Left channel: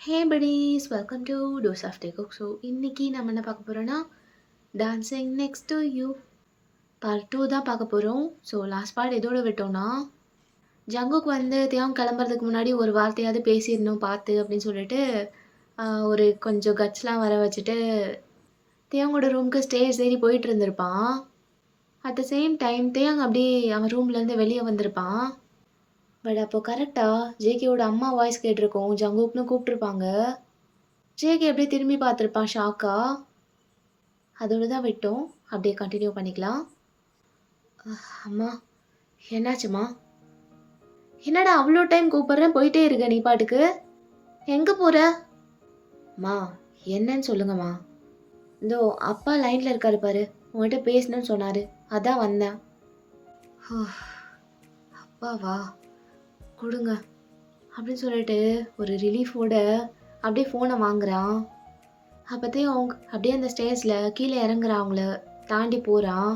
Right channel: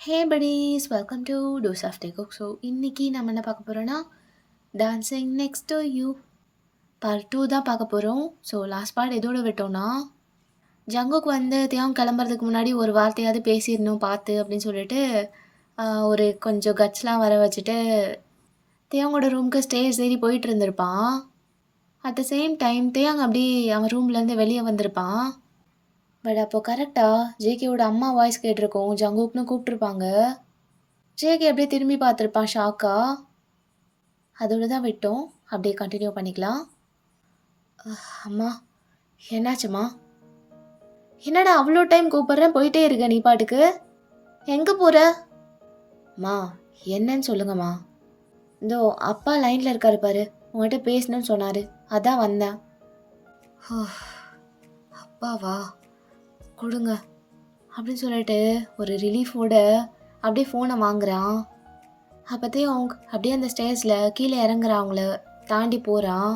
Hey buddies, welcome to dose of day cook. So இன்னைக்கு நம்ம என்ன பார்க்க போகிறோன்னா dancing next to you part 2 தான் பார்க்க போகிறோம். ஸோ லாஸ்ட் பார்ட் எதோட விட்டோம்னா ஜங்குக்கு வந்து தியாகம் கிளம்புறதுக்கு முன்னாடி ஒரு வார்த்தையாவது பேசிடணும் பார்த்து அப்படின்னு சொல்லிட்டு ஒரு கொஞ்சம் கட்ஸ்லாம் வர வச்சுட்டு தியாங்கோட ரூமுக்கு ஸ்டேஜ் ஏறி போயிட்டு இருந்திருப்பான். அட் த சேம் டைம் தியாங் அப்படி அவன் ரூம்லேருந்து வெளியே வந்திருப்பான். பட் அப்போ கரெக்டாக ஜேகேவோட அம்மா வாய்ஸ் கேட்டிருக்கோம். ஜங்குக்னு கூப்பிட்ருப்பாங்க. ஜேகே அப்படியே திரும்பி பார்த்துருப்பான் ஷாக்கா. அதோட தான் விட்டோம். அப்படியே கண்டினியூ பண்ணிக்கலாம். அம்மா என்னாச்சும்மா? என்னடா அவ்வளோ டைம் கூப்பிட்றேன் போயிட்டே இருக்க நீ பாட்டுக்கு? எங்கே போகிற? அம்மா என்னன்னு சொல்லுங்கம்மா. இதோ அப்பா லைனில் இருக்காரு பாரு, உங்கள்கிட்ட பேசணும்னு சொன்னார், அதான் வந்தேன். அப்பாவா, கொடுங்க அப்படின்னு சொல்லிட்டு ஒரு ரிலீஃபோட அப்படியே ஃபோனை வாங்குறான். அப்போத்தையும் அவங்க அப்படியே அந்த ஸ்டேஜில் கீழே இறங்குறான், தாண்டி போகிறான்.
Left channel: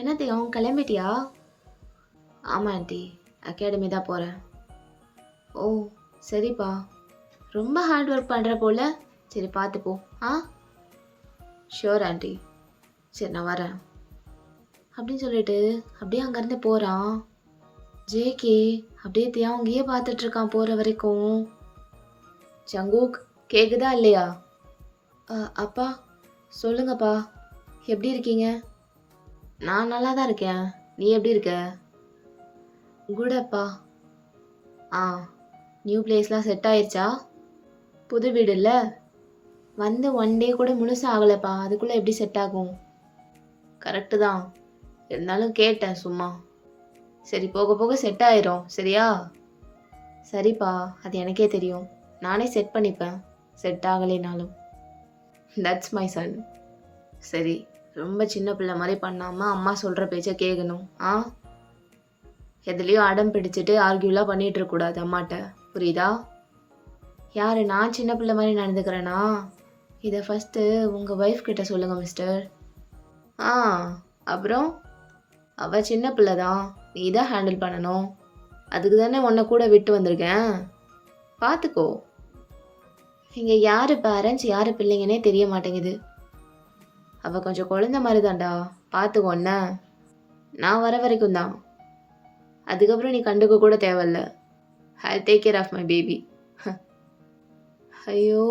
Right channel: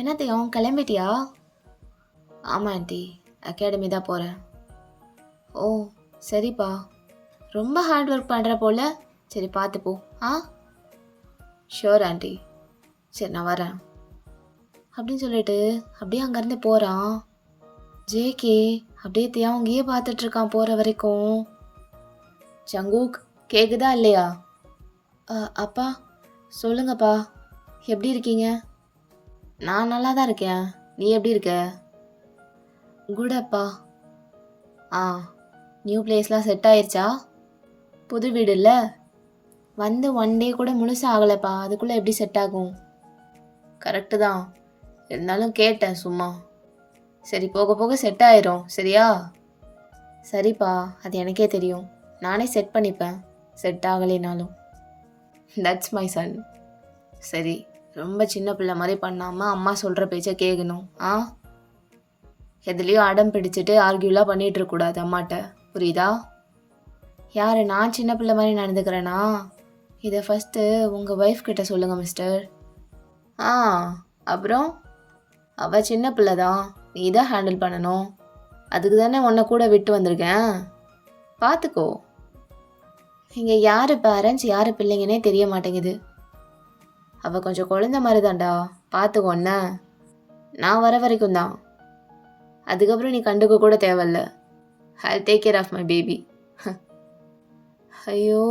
என்னத்தையும் கிளம்பிட்டியா? ஆமாம் ஆண்டி, அகாடமி தான் போகிறேன். ஓ சரிப்பா, ரொம்ப ஹார்ட் ஒர்க் பண்ணுற போல. சரி பார்த்துப்போ. ஷியோர் ஆண்டி, சரி நான் வரேன் அப்படின்னு சொல்லிட்டு அப்படியே அங்கேருந்து போகிறான். ஜேகே அப்படியே தியாங்கியே பார்த்துட்ருக்கான் போகிற வரைக்கும். ஜங்கூக் கேட்குதா இல்லையா? அப்பா சொல்லுங்கப்பா, எப்படி இருக்கீங்க? நான் நல்லா தான் இருக்கேன், நீ எப்படி இருக்க? குட் அப்பா. நியூ பிளேஸ்லாம் செட் ஆயிடுச்சா? புது வீடு இல்லை, வந்து 1 டே கூட முழுசாக ஆகலைப்பா, அதுக்குள்ளே எப்படி செட் ஆகும்? கரெக்டு தான், இருந்தாலும் கேட்டேன் சும்மா. சரி போக போக செட் ஆயிரும் சரியா? சரிப்பா, அது எனக்கே தெரியும், நானே செட் பண்ணிப்பேன் செட் ஆகலைனாலும். That's my son. சரி, ரொம்ப சின்ன பிள்ளை மாதிரி பண்ணாமல் அம்மா சொல்கிற பேச்சை கேட்கணும். எதுலேயும் அடம் பிடிச்சிட்டு ஆர்கியூலாம் பண்ணிகிட்டு இருக்கக்கூடாது அம்மாட்ட, புரியுதா? யார் நான் சின்ன பிள்ளை மாதிரி நடந்துக்கிறேன்னா? இதை ஃபஸ்ட்டு உங்கள் ஒய்ஃப் கிட்ட சொல்லுங்கள் மிஸ்டர். அப்புறம் அவள் சின்ன பிள்ளை தான், நீ தான் ஹேண்டில் பண்ணணும். அதுக்கு தானே உன்னை கூட விட்டு வந்திருக்கேன், பார்த்துக்கோ. இங்கே யார் பேரண்ட்ஸ் யார் பிள்ளைங்கன்னே தெரிய மாட்டேங்குது. அவள் கொஞ்சம் குழந்த மாதிரி தான்டா, பார்த்துக்கோன்ன. நான் வர வரைக்கும் தான், அதுக்கப்புறம் நீ கண்டுக்க கூட தேவையில்ல. I take care of my baby. ஐயோ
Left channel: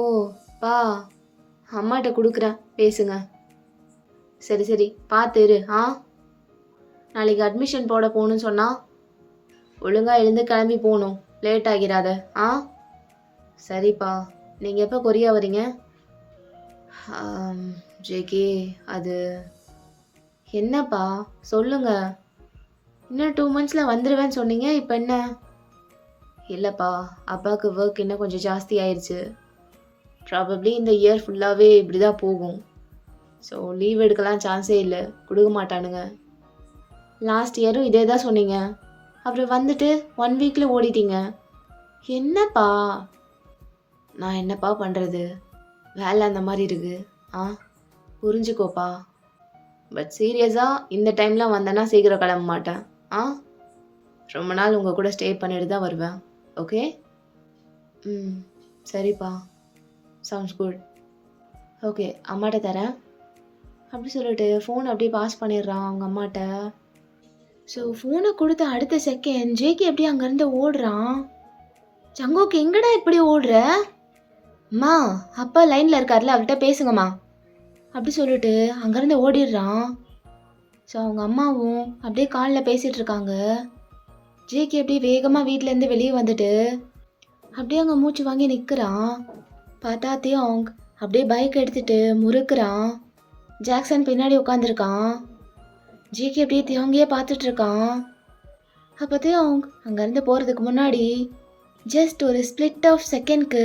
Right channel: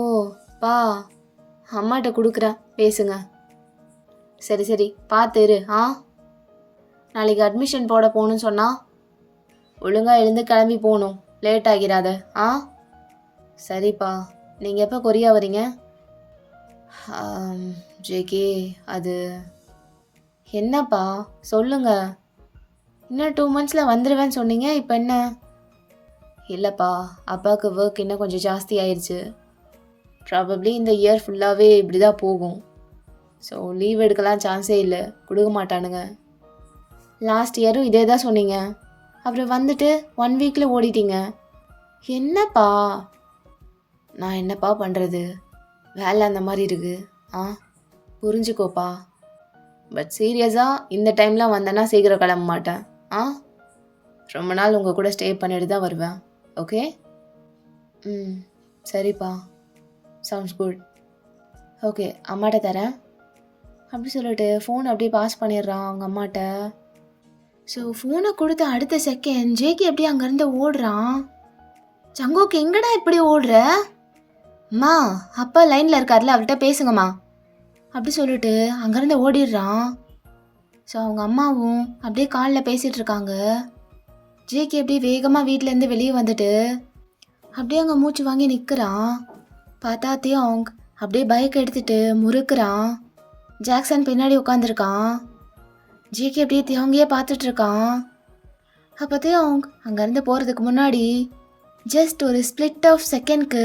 பா, அம்மாட்ட கொடுக்குறேன் பேசுங்க. சரி சரி பார்த்து இரு. நாளைக்கு அட்மிஷன் போட போகணுன்னு சொன்னால் ஒழுங்காக எழுந்து கிளம்பி போகணும், லேட் ஆகிறாத. சரிப்பா, நீங்கள் எப்போ கொரியா வரீங்க? ஜேகே அது என்னப்பா சொல்லுங்க. இன்னும் 2 months வந்துடுவேன்னு சொன்னீங்க, இப்போ என்ன? இல்லைப்பா, அப்பாவுக்கு ஒர்க் இன்னும் கொஞ்சம் ஜாஸ்தி ஆயிடுச்சு. ப்ராபப்ளி இந்த இயர் ஃபுல்லாகவே இப்படி தான் போகும். ஸோ லீவ் எடுக்கலாம் சான்ஸே இல்லை, கொடுக்க மாட்டானுங்க. லாஸ்ட் இயரும் இதே தான் சொன்னீங்க, அப்புறம் வந்துட்டு 1 weekல ஓடிட்டீங்க. என்னப்பா? நான் என்னப்பா பண்ணுறது, வேலை அந்த மாதிரி இருக்குது. புரிஞ்சுக்கோப்பா. பட் சீரியஸாக இந்த டைம்லாம் வந்தேன்னா சீக்கிரம் கிளம்ப மாட்டேன். ரொம்ப நாள் உங்கள் கூட ஸ்டே பண்ணிட்டு தான் வருவேன். ஓகே? சரிப்பா, சவுண்ட்ஸ் குட். ஓகே, அம்மாட்ட தரேன் அப்படி சொல்லிட்டு ஃபோன் அப்படியே பாஸ் பண்ணிடுறான் அவங்க அம்மாட்ட. ஸோ ஃபோனை கொடுத்த அடுத்த செகண்ட் ஜேகே எப்படி அங்கேருந்து ஓடுறான். ஜங்கோக்கு எங்கடா இப்படி ஓடுற? அம்மா அப்பா லைனில் இருக்கார்ல, அவர்கிட்ட பேசுங்கம்மா அப்படி சொல்லிட்டு அங்கேருந்து ஓடிடுறான். ஸோ அவங்க அம்மாவும் அப்படியே காலில் பேசிகிட்டு இருக்காங்க. ஜேகே அப்படியே வேகமாக வீட்டிலேருந்து வெளியே வந்துட்டு அப்படியே அங்கே மூச்சு வாங்கி நிற்கிறான். பார்த்தாத்தையும் அவங்க அப்படியே பைக் எடுத்துகிட்டு முறுக்குறான். ஜாக்சன் பின்னாடி உட்காந்துருக்கான். ஜேகே அப்படியே தியாங்கியே பார்த்துட்ருக்கான். அப்போத்தையும் அவங்க அங்கேருந்து போகிறதுக்கு முன்னாடி ஜஸ்ட் ஒரு ஸ்பிளிட் ஆஃப் செகண்ட்க்கு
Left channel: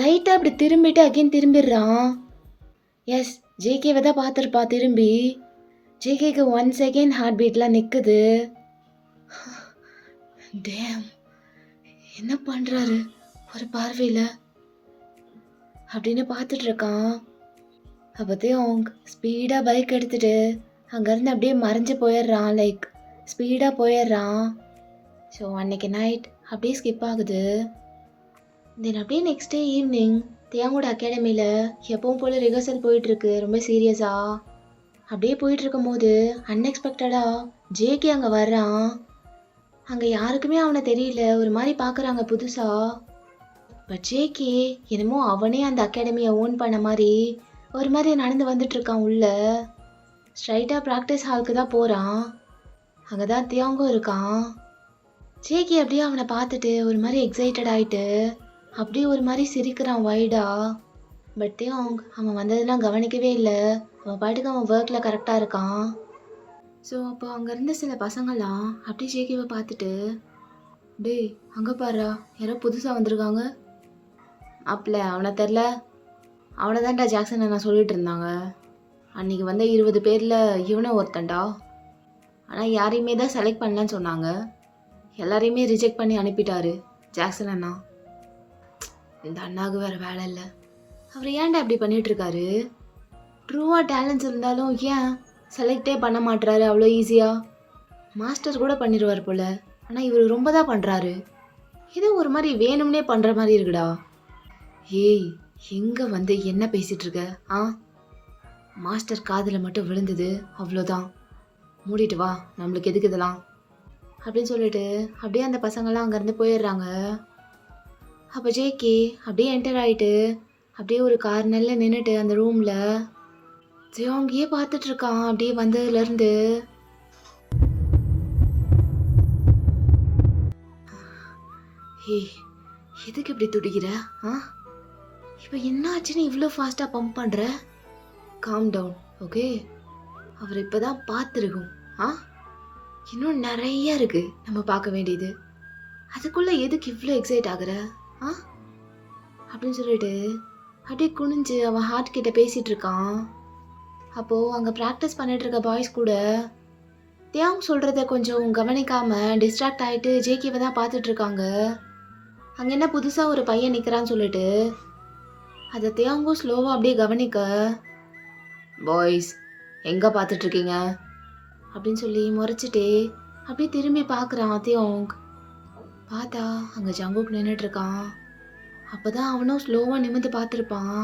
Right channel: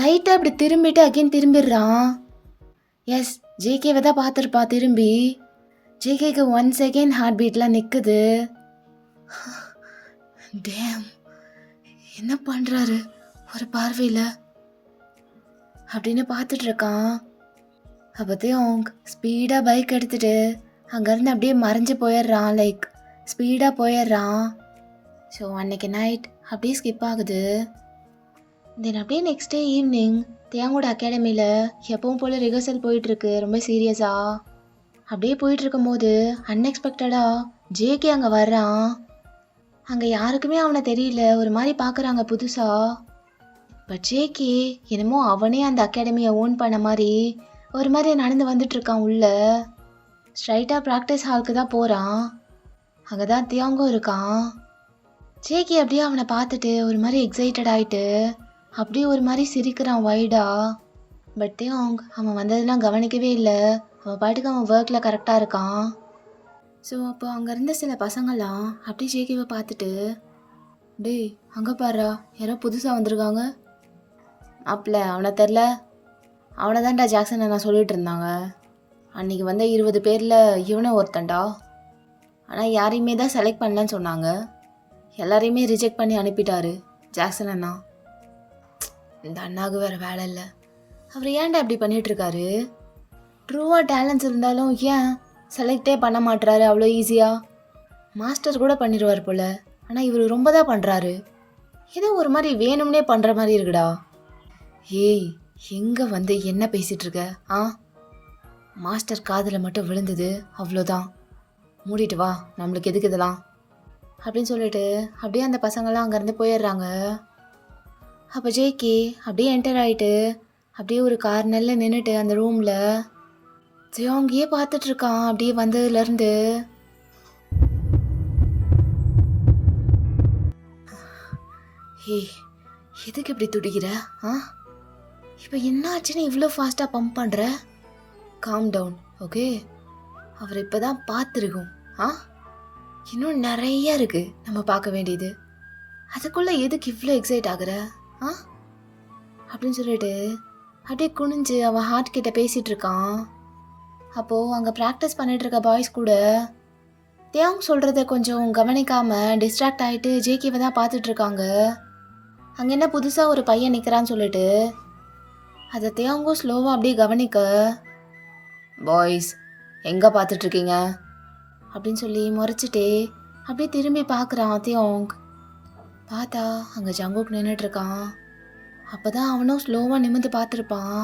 லைட்டாக அப்படி திரும்பிட்டு அகைன் திரும்பிடுறான். எஸ், ஜேகேவை தான் பார்த்துருப்பா திரும்பி. ஜேகேக்கு 1 second ஹார்ட் பீட்லாம் நிற்குது. டேம், என்ன பண்ணுறாரு ஒரு பார்வையில் அப்படின்னு பார்த்துட்ருக்கான். அப்போத்தையும் அவங்க ஸ்பீடாக பைக் எடுத்துகிட்டு அங்கேருந்து அப்படியே மறைஞ்சு போயிடுறான், லைக் ஸ்பீடாக போயிடுறான். ஸோ அன்னைக்கு நைட் அப்படியே ஸ்கிப் ஆகுது. தென் அப்படியே நெக்ஸ்ட் டே ஈவினிங் தியாங்கோட அகாடமியில் எப்பவும் போல் ரிஹர்சல் போயிட்டுருக்கு ரொம்ப சீரியஸாக. அப்படியே போயிட்டு இருக்கும்போது அன்எக்ஸ்பெக்டடாக ஜேகே அங்கே வர்றான். அங்கே யாருக்குமே அவனை தெரியல, ஒரு மாதிரி பார்க்குறாங்க புதுசாக. பட் ஜேகே என்னமோ அவனே அந்த அகாடமியை ஓன் பண்ண மாதிரி ஒரு மாதிரி நடந்து வந்துட்டு இருக்கான் உள்ள. ஸ்ட்ரைட்டாக ப்ராக்டிஸ் ஹாலுக்கு தான் போகிறான். அங்கே தான் தியாங்கும் இருக்கான். ஜேகே அப்படியே அவனை பார்த்துட்டு ஒரு மாதிரி எக்ஸைட்டட் ஆகிட்டு அப்படியே ஒரு மாதிரி சிரிக்கிறான் வைடா. பட் தியாங் அவன் வந்ததெல்லாம் கவனிக்கவே இல்லை. அவன் பாட்டுக்கு அவன் ஒர்க்கில் கரெக்டாக இருக்கான். ஸோ அப்போ அங்கே இருந்த சில பசங்களாம் அப்படியே ஜேகேவை பார்த்துட்டு, டேய் அங்கே பாரு யாரோ புதுசாக வந்திருக்காங்க. அப்பல அவனை தெரில, அவனை தான்டா ஜாக்சன் நான் சொல்லிட்டு இருந்தாங்க. அன்றைக்கி வந்த 20 பேரில் இவனும் ஒருத்தன்டா. ஆனால் யாரையுமே தான் செலக்ட் பண்ணலன்னு சொன்னாங்க. எல்லாரையுமே ரிஜெக்ட் பண்ணி அனுப்பிட்டாரு ஜாக்சன் அண்ணா. இந்த அண்ணாவுக்கு வேறு வேலை இல்லை. அவர் ஏன்டா அப்படி பண்ணிகிட்ருக்காரு? ட்ரூவாக டேலண்ட்ஸ் இருந்தாலும் ஏன் செலக்டே பண்ண மாட்டுறாரு அவ்வளோ ஈஸியாக? மாஸ்டர் கூட பண்ணிடுவார் போல். ஆனால் இவர் ரொம்ப தான் பண்ணுறாரு. ஏதோ ஒரு மாதிரி வேணும்னே பண்ணுற மாதிரி இருக்குடா. ஏய் எங்கே வந்து என்ன பேசிகிட்ருக்க? மாஸ்டர் காதில் மட்டும் விழுந்தது அவ்வளோதான். மூடிட்டு வா, நம்மளுக்கு எதுக்கு இதெல்லாம் அப்படின்னு சொல்லிட்டு அப்படியே அந்த பசங்கள்லாம் அங்கேருந்து போயிடுறாங்க. அப்போ ஜேகே அப்படியே என்டர் ஆகிட்டு அப்படியே ஒரு கார்னரில் நின்றுட்டு அந்த ரூமில் ஜியோங்கியே பார்த்துட்ருக்கான். அப்படியே வந்ததுலேருந்து ஏய் எதுக்கு இப்படி துடிக்கிற? இப்போ என்ன ஆச்சுன்னு இவ்வளோ ஃபாஸ்ட்டாக பம்ப் பண்ணுற? Calm down, okay? அவர் இப்போ தான் பார்த்துருக்கோம். இன்னும் நிறைய இருக்குது நம்ம பார்க்க வேண்டியது. அதுக்குள்ளே எதுக்கு இவ்வளோ எக்ஸைட் ஆகுற? அப்படின்னு சொல்லிட்டு அப்படியே குனிஞ்சு அவன் ஹார்ட் கிட்ட பேசிகிட்டு இருக்கான். அப்போது அங்கே ப்ராக்டிஸ் பண்ணிட்டு இருக்க பாய்ஸ் கூட தியாங் சொல்கிறத கொஞ்சம் கவனிக்காமல் டிஸ்ட்ராக்ட் ஆகிட்டு ஜேகேவை தான் பார்த்துட்ருக்காங்க. அங்கே என்ன புதுசாக ஒரு பையன் நிற்கிறான்னு சொல்லிட்டு அதை தியாங்கும் ஸ்லோவாக அப்படியே கவனிக்க, பாய்ஸ் எங்கே பார்த்துட்ருக்கீங்க அப்படின்னு சொல்லி முறைச்சிட்டே அப்படியே திரும்பி பார்க்குறான் தியாங். பார்த்தா அங்கே ஜங்குக் நின்றுட்டுருக்கான். அப்போ தான் அவனும் ஸ்லோவாக நிமிர்ந்து பார்த்துருப்பான்.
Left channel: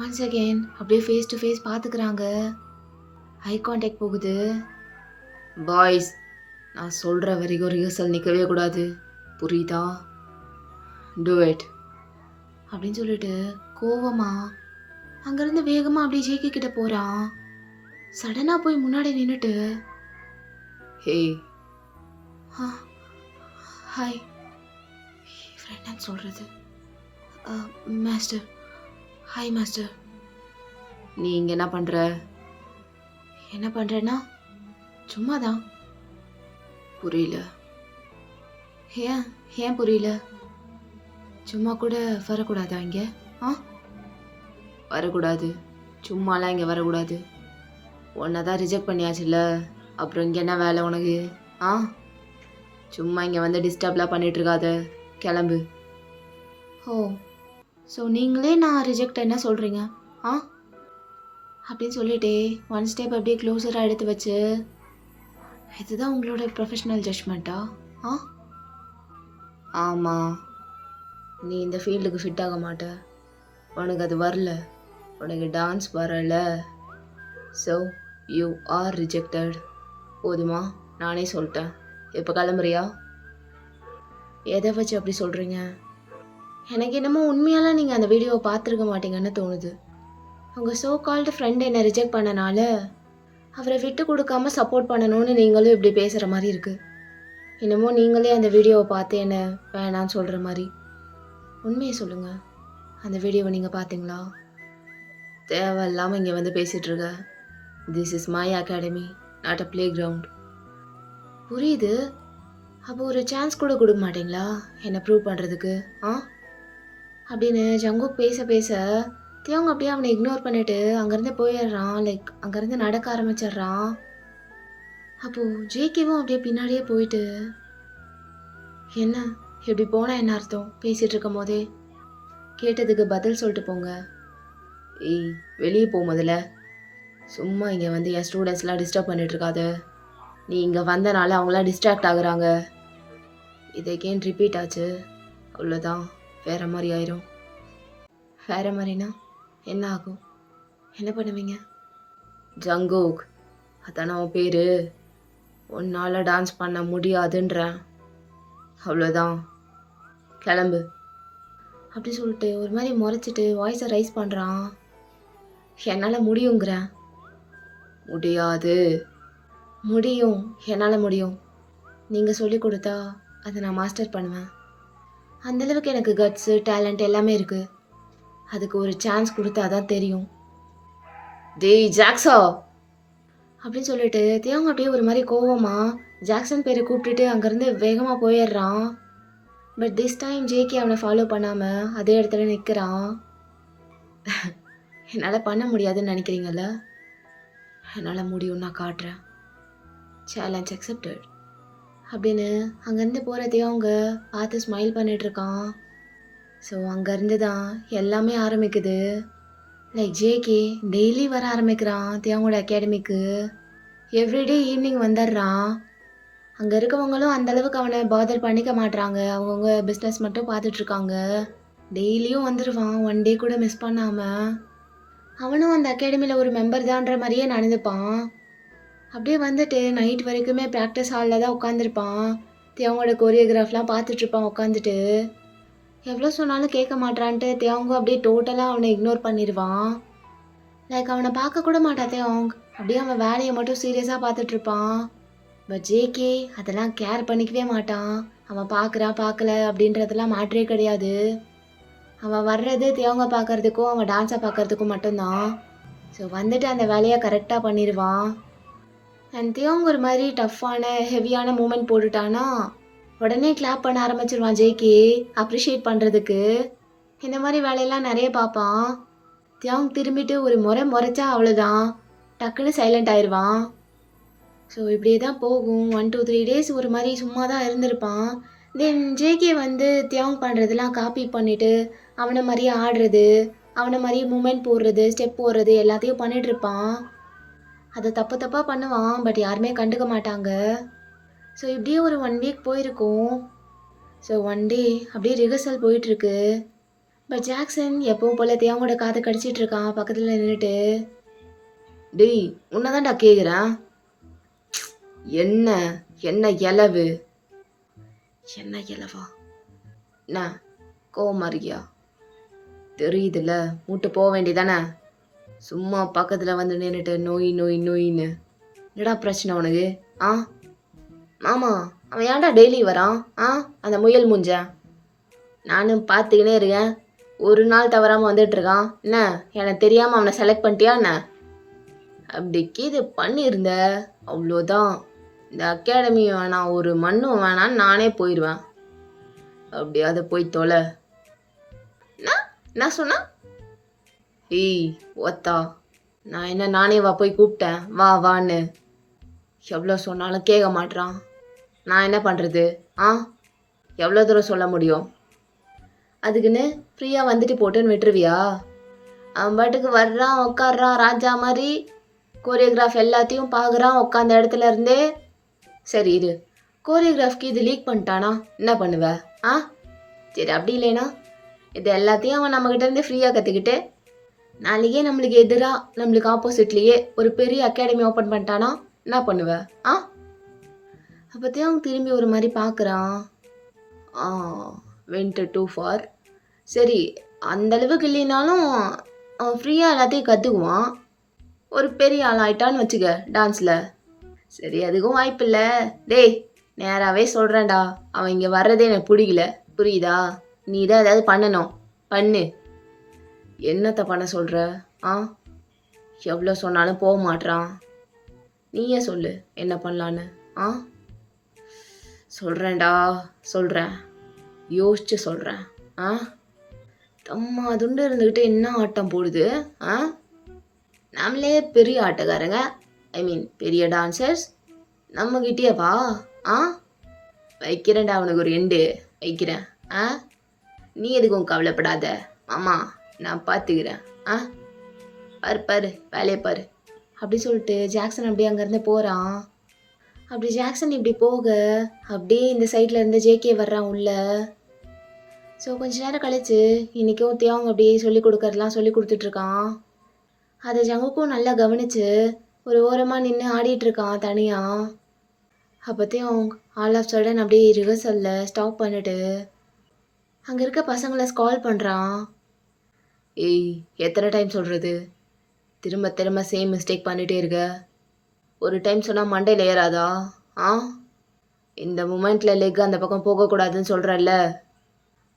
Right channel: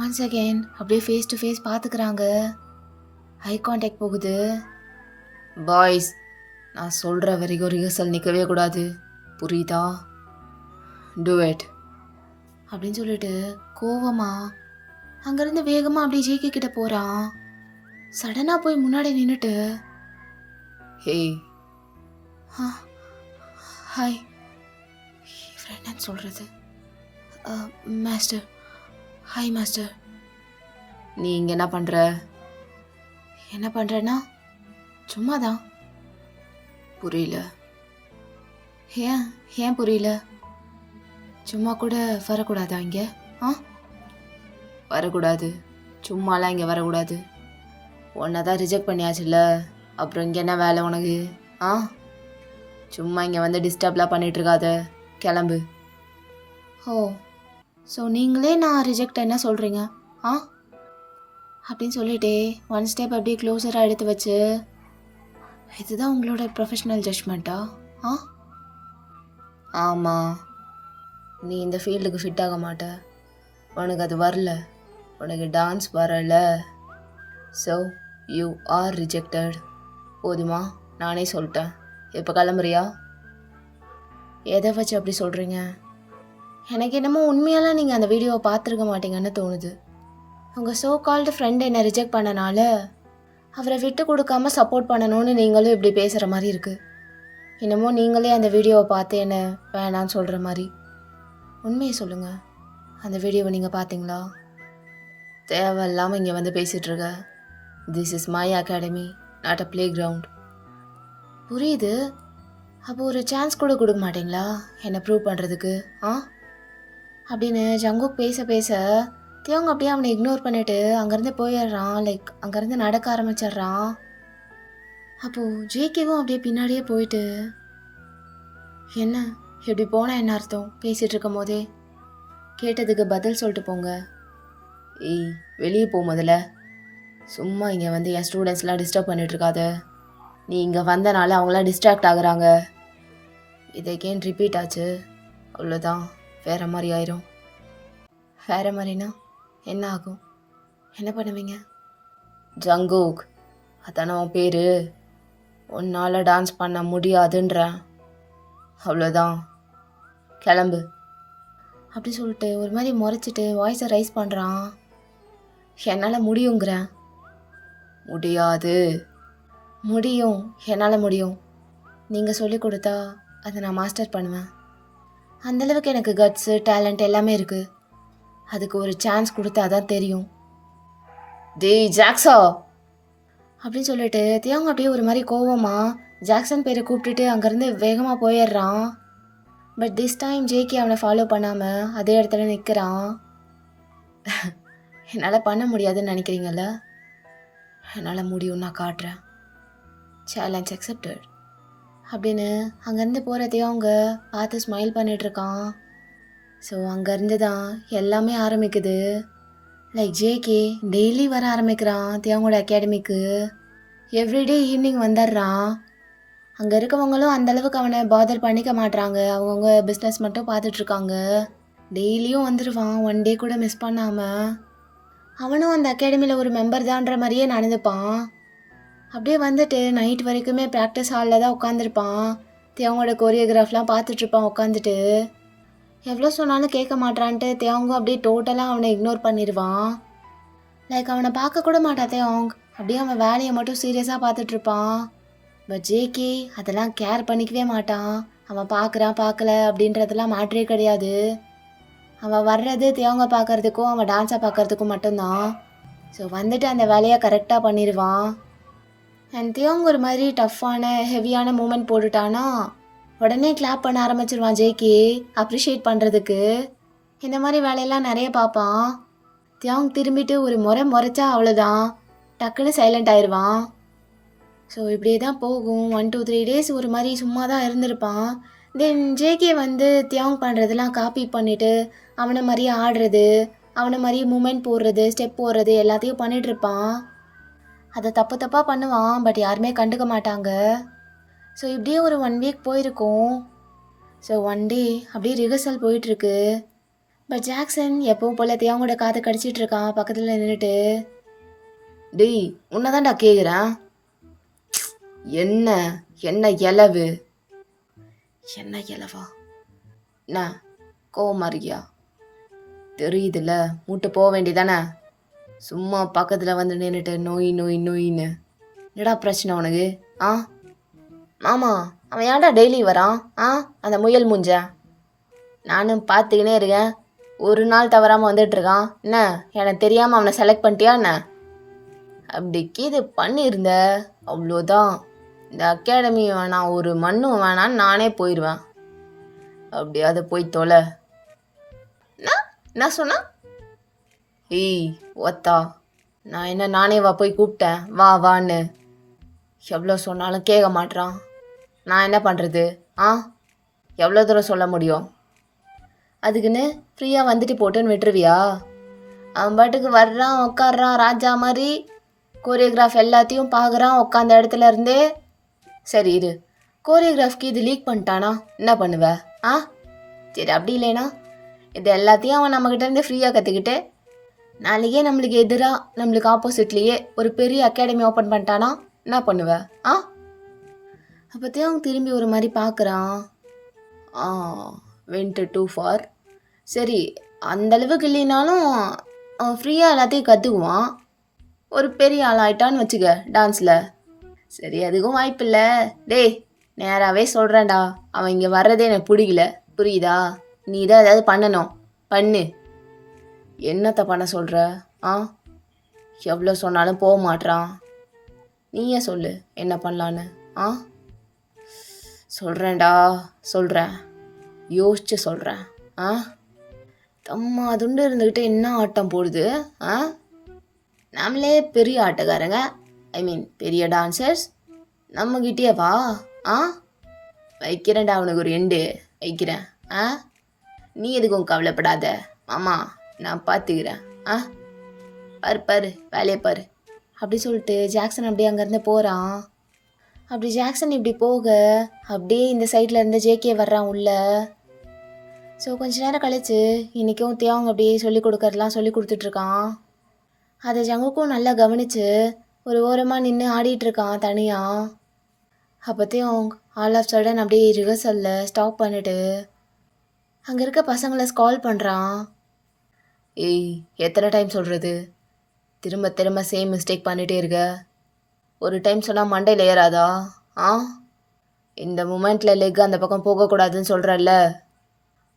ஒன்ஸ் அகெயின் அப்படியே ஃபேஸ் டு ஃபேஸ் பார்த்துக்கிறாங்க. ஐ கான்டாக்ட் போகுது. பாய்ஸ் நான் சொல்கிற வரைக்கும் ரிஹர்சல் நிற்கவே கூடாது, புரியுதா? டூ இட் அப்படின்னு சொல்லிட்டு கோவமா அங்கேருந்து வேகமாக அப்படியே ஜேகே கிட்ட போகிறான். சடனாக போய் முன்னாடி நின்றுட்டு, ஹே ஹாய் ஃப்ரெண்ட் சொல்கிறது. Master, hi master. நீ இங்கே என்ன பண்ணுற? என்ன பண்ணுறேன்னா சும்மா தான். புரியல. ஏன் புரியல? சும்மா கூட வரக்கூடாதா இங்கே? வரக்கூடாது, சும்மாலாம் இங்கே வரக்கூடாது. உன்னை தான் ரிஜெக்ட் பண்ணியாச்சுல்ல, அப்புறம் இங்கே என்ன வேலை உனக்கு? சும்மா இங்கே வந்து டிஸ்டர்ப்லாம் பண்ணிகிட்ருக்காத, கிளம்பு. ஓ ஸோ நீங்களே நான் ரிஜெக்ட் என்ன சொல்கிறீங்க? அப்படின்னு சொல்லிட்டே ஒன் ஸ்டெப் அப்படியே க்ளோஸராக எடுத்து வச்சு, இதுதான் உங்களோட ப்ரொஃபஷ்னல் ஜட்ஜ்மெண்ட்டா? ஆமாம், நீ இந்த ஃபீல்டுக்கு ஃபிட் ஆக மாட்ட. உனக்கு அது வரல, உனக்கு டான்ஸ் வரல. So you are rejected. போதுமா? நானே சொல்லிட்டேன். எப்போ கிளம்புறியா? எதை வச்சு அப்படி சொல்கிறீங்க? எனக்கு என்னமோ உண்மையெல்லாம் நீங்கள் அந்த வீடியோவை பார்த்துருக்க மாட்டீங்கன்னு தோணுது. உங்கள் சோ கால்டு ஃப்ரெண்ட் என்னை ரிஜெக்ட் பண்ணனால அவரை விட்டு கொடுக்காம சப்போர்ட் பண்ணணும்னு நீங்களும் இப்படி பேசுகிற மாதிரி இருக்குது. என்னமோ நீங்களே அந்த வீடியோவை பார்த்து என்ன வேணான்னு சொல்கிற மாதிரி. உண்மையை சொல்லுங்கள், அந்த வீடியோவை நீங்கள் பார்த்தீங்களா? தேவையில்லாமல் இங்கே வந்து பேசிகிட்ருக்க. This is my academy, not a playground. புரியுது. அப்போ ஒரு சான்ஸ் கூட கொடுக்க மாட்டிங்களா என்னை ப்ரூவ் பண்ணுறதுக்கு? அப்படின்னு ஜங்குக் பேச பேச தியாங் அப்படியே அவனை இக்னோர் பண்ணிவிட்டு அங்கேருந்து போயிடுறான். லைக் அங்கேருந்து நடக்க ஆரம்பிச்சிடுறான். அப்போது ஜேகேவும் அப்படியே பின்னாடியே போயிட்டு, என்ன எப்படி போனால் என்ன அர்த்தம்? பேசிகிட்டு இருக்கும் போதே கேட்டதுக்கு பதில் சொல்லிட்டு போங்க. ஏய் வெளியே போ முதல்ல. சும்மா இங்கே வந்து என் ஸ்டூடெண்ட்ஸ்லாம் டிஸ்டர்ப் பண்ணிகிட்ருக்காத. நீ இங்கே வந்தனால அவங்களாம் டிஸ்ட்ராக்ட் ஆகுறாங்க. இதை கேன் ரிப்பீட் ஆச்சு, அவ்வளோதான். வேறு மாதிரி ஆயிரும். வேறு மாதிரினா என்ன ஆகும்? என்ன பண்ணுவீங்க? ஜங்கூக், அதானே உன் பேர்? உன்னால் டான்ஸ் பண்ண முடியாதுன்றேன். அவ்வளோதான், கிளம்பு அப்படி சொல்லிட்டு ஒரு மாதிரி முறைச்சிட்டு வாய்ஸை ரைஸ் பண்ணுறான். என்னால் முடியுங்கிறேன். முடியாது. முடியும், என்னால் முடியும். நீங்கள் சொல்லி கொடுத்தா அதை நான் மாஸ்டர் பண்ணுவேன். அந்தளவுக்கு எனக்கு கட்ஸு டேலண்ட் எல்லாமே இருக்குது. அதுக்கு ஒரு சான்ஸ் கொடுத்தா தான் தெரியும். டேய் ஜாக்ஸா அப்படின்னு சொல்லிட்டு தியாங் அப்படியே ஒரு மாதிரி கோவமாக ஜாக்சன் பேரை கூப்பிட்டுட்டு அங்கேருந்து வேகமாக போயிடுறான். பட் திஸ் டைம் ஜேகே அவனை ஃபாலோ பண்ணாமல் அதே இடத்துல நிற்கிறான். என்னால் பண்ண முடியாதுன்னு நினைக்கிறீங்கல்ல? என்னால் முடியும், நான் காட்டுறேன். சேலஞ்ச் அக்செப்டட் அப்படின்னு அங்கேருந்து போகிறதையும் அவங்க பார்த்து ஸ்மைல் பண்ணிகிட்ருக்கான். ஸோ அங்கேருந்து தான் எல்லாமே ஆரம்பிக்குது. லைக் ஜேகே டெய்லி வர ஆரம்பிக்கிறான் தியாங்கோட அகாடமிக்கு. எவ்ரிடே ஈவினிங் வந்துடுறான். அங்கே இருக்கவங்களும் அந்தளவுக்கு அவனை பாதர் பண்ணிக்க மாட்றாங்க. அவங்கவுங்க பிஸ்னஸ் மட்டும் பார்த்துட்ருக்காங்க. டெய்லியும் வந்துடுவான், ஒன் டே கூட மிஸ் பண்ணாமல். அவனும் அந்த அகாடமியில் ஒரு மெம்பர் தான்ற மாதிரியே நடந்துப்பான். அப்படியே வந்துட்டு நைட் வரைக்குமே ப்ராக்டிஸ் ஹாலில் தான் உட்காந்துருப்பான். தியாங்கோட கோரியோகிராஃப்லாம் பார்த்துட்ருப்பான் உட்காந்துட்டு. எவ்வளோ சொன்னாலும் கேட்க மாட்டான்ட்டு தியாங்கோ அப்படியே டோட்டலாக அவனை இக்னோர் பண்ணிடுவான். லைக் அவனை பார்க்க கூட மாட்டான் தியாங். அப்படியே அவன் வேலையை மட்டும் சீரியஸாக பார்த்துட்ருப்பான். பட் ஜேகே அதெல்லாம் கேர் பண்ணிக்கவே மாட்டான். அவன் பார்க்குறான் பார்க்கல அப்படின்றதெல்லாம் மேட்ரே கிடையாது. அவன் வர்றது தியாங்க பார்க்குறதுக்கும் அவன் டான்ஸை பார்க்குறதுக்கும் மட்டும்தான். ஸோ வந்துட்டு அந்த வேலையை கரெக்டாக பண்ணிடுவான். அண்ட் தியாங் ஒரு மாதிரி டஃப்பான ஹெவியான மூமெண்ட் போட்டுட்டானா உடனே கிளாப் பண்ண ஆரம்பிச்சிருவான் ஜேகே அப்ரிஷியேட் பண்ணுறதுக்கு. இந்த மாதிரி வேலையெல்லாம் நிறைய பார்ப்பான். தியாங் திரும்பிட்டு ஒரு முறைச்சா அவ்வளோதான், டக்குன்னு சைலண்ட் ஆயிடுவான். ஸோ இப்படியே தான் போகும். 1 to 3 days ஒரு மாதிரி சும்மா தான் இருந்திருப்பான். தென் ஜேகே வந்து தியாங் பண்ணுறதெல்லாம் காப்பி பண்ணிவிட்டு அவனை மாதிரியே ஆடுறது, அவனை மாதிரியே மூமெண்ட் போடுறது, ஸ்டெப் போடுறது எல்லாத்தையும் பண்ணிகிட்ருப்பான். அதை தப்பாக பண்ணுவான். பட் யாருமே கண்டுக்க மாட்டாங்க. ஸோ இப்படியே ஒரு 1 week போயிருக்கும். ஸோ ஒன் டே அப்படியே ரிஹர்சல் போயிட்டுருக்கு. பட் ஜாக்சன் எப்பவும் போல் தியாங்கோட காதை கடிச்சிட்ருக்கான் பக்கத்தில் நின்றுட்டு. டேய் உன்னை தான்டா கேட்குறேன். என்ன என்ன இலவு? என்ன இலவா? என்ன கோவமா இருக்கியா? தெரியுதுல்ல, மூட்டு போக வேண்டியதானே. சும்மா பக்கத்தில் வந்து நின்றுட்டு நோய் நோய் நோயின்னு. என்னடா பிரச்சனை உனக்கு? மாமா அவன் ஏன்டா டெய்லி வரான்? அந்த முயல் மூஞ்ச நானும் பார்த்துக்கினே இருக்கேன். ஒரு நாள் தவறாமல் வந்துட்டுருக்கான். என்ன எனக்கு தெரியாமல் அவனை செலக்ட் பண்ணிட்டியா என்ன? அப்படி கீது பண்ணியிருந்த அவ்வளோதான். இந்த அகாடமி வேணாம், ஒரு மண்ணும் வேணான்னு நானே போயிடுவேன். அப்படி அதை போய் தொலை. என்ன சொன்னா? ஏய் ஓத்தா, நான் என்ன நானே போய் கூப்பிட்டேன் வா வான்னு. எவ்வளோ சொன்னாலும் கேட்க மாட்றான். நான் என்ன பண்ணுறது? எவ்வளோ தூரம் சொல்ல முடியும்? அதுக்குன்னு ஃப்ரீயாக வந்துட்டு போட்டுன்னு விட்டுருவியா? அவன் பாட்டுக்கு வர்றான், உட்காடுறான், ராஜா மாதிரி கோரியோகிராஃப் எல்லாத்தையும் பார்க்குறான் உட்காந்த இடத்துல இருந்தே. சரி இரு, கோரியோகிராஃப்க்கு இது லீக் பண்ணிட்டானா என்ன பண்ணுவ? சரி அப்படி இல்லைனா இது எல்லாத்தையும் அவன் நம்மக்கிட்டேருந்து ஃப்ரீயாக கற்றுக்கிட்டு நாளைக்கே நம்மளுக்கு எதிராக நம்மளுக்கு ஆப்போசிட்லேயே ஒரு பெரிய அகாடமி ஓப்பன் பண்ணிட்டானா என்ன பண்ணுவ? அப்போத்தையும் அவன் திரும்பி ஒரு மாதிரி பார்க்குறான். Went too far. சரி அந்தளவுக்கு இல்லைனாலும் அவன் ஃப்ரீயாக எல்லாத்தையும் கற்றுக்குவான். ஒரு பெரிய ஆள் ஆயிட்டான்னு வச்சுக்க டான்ஸில். சரி அதுக்கும் வாய்ப்பில்லை. டேய் நேராகவே சொல்கிறேன்டா, அவன் இங்கே வர்றதே எனக்கு பிடிக்கல, புரியுதா? நீ தான் ஏதாவது பண்ணணும், பண்ணு. என்னத்தை பண்ண சொல்கிற? எவ்வளோ சொன்னாலும் போக மாட்றான். நீயே சொல்லு என்ன பண்ணலான்னு. சொல்கிறேன்டா சொல்கிறேன், யோசிச்சு சொல்கிறேன். தம்மா துண்டு இருந்துக்கிட்டு என்ன ஆட்டம் போடுது. நம்மளே பெரிய ஆட்டக்காரங்க, ஐ மீன் பெரிய டான்சர்ஸ், நம்மகிட்டே வா. வைக்கிறேன்டா அவனுக்கு ஒரு எண்டு வைக்கிறேன். நீ எதுக்கும் கவலைப்படாத மாமா, நான் பார்த்துக்கிறேன். பாரு பாரு வேலையை பாரு அப்படி சொல்லிட்டு ஜாக்சன் அப்படியே அங்கேருந்து போகிறான். அப்படி ஜாக்சன் இப்படி போக அப்படியே இந்த சைடில் இருந்து ஜேகே வர்றான் உள்ள. ஸோ கொஞ்ச நேரம் கழிச்சு இன்றைக்கும் தியாங் அப்படியே சொல்லி கொடுக்கறதெல்லாம் சொல்லி கொடுத்துட்ருக்கான். அதை ஜங்குக்கும் நல்லா கவனிச்சு ஒரு ஓரமாக நின்று ஆடிட்டுருக்கான் தனியாக. அப்போத்தையும் ஆல் ஆஃப் சடன் அப்படியே ரிஹர்சலில் ஸ்டாப் பண்ணிட்டு அங்கே இருக்க பசங்களை ஸ்கால் பண்ணுறான். ஏய், எத்தனை டைம் சொல்கிறது, திரும்ப திரும்ப சேம் மிஸ்டேக் பண்ணிகிட்டே இருக்க. ஒரு டைம் சொன்னால் மண்டையில் ஏறாதா? ஆ, இந்த மூமெண்ட்டில் லெக் அந்த பக்கம் போகக்கூடாதுன்னு சொல்கிறல்ல,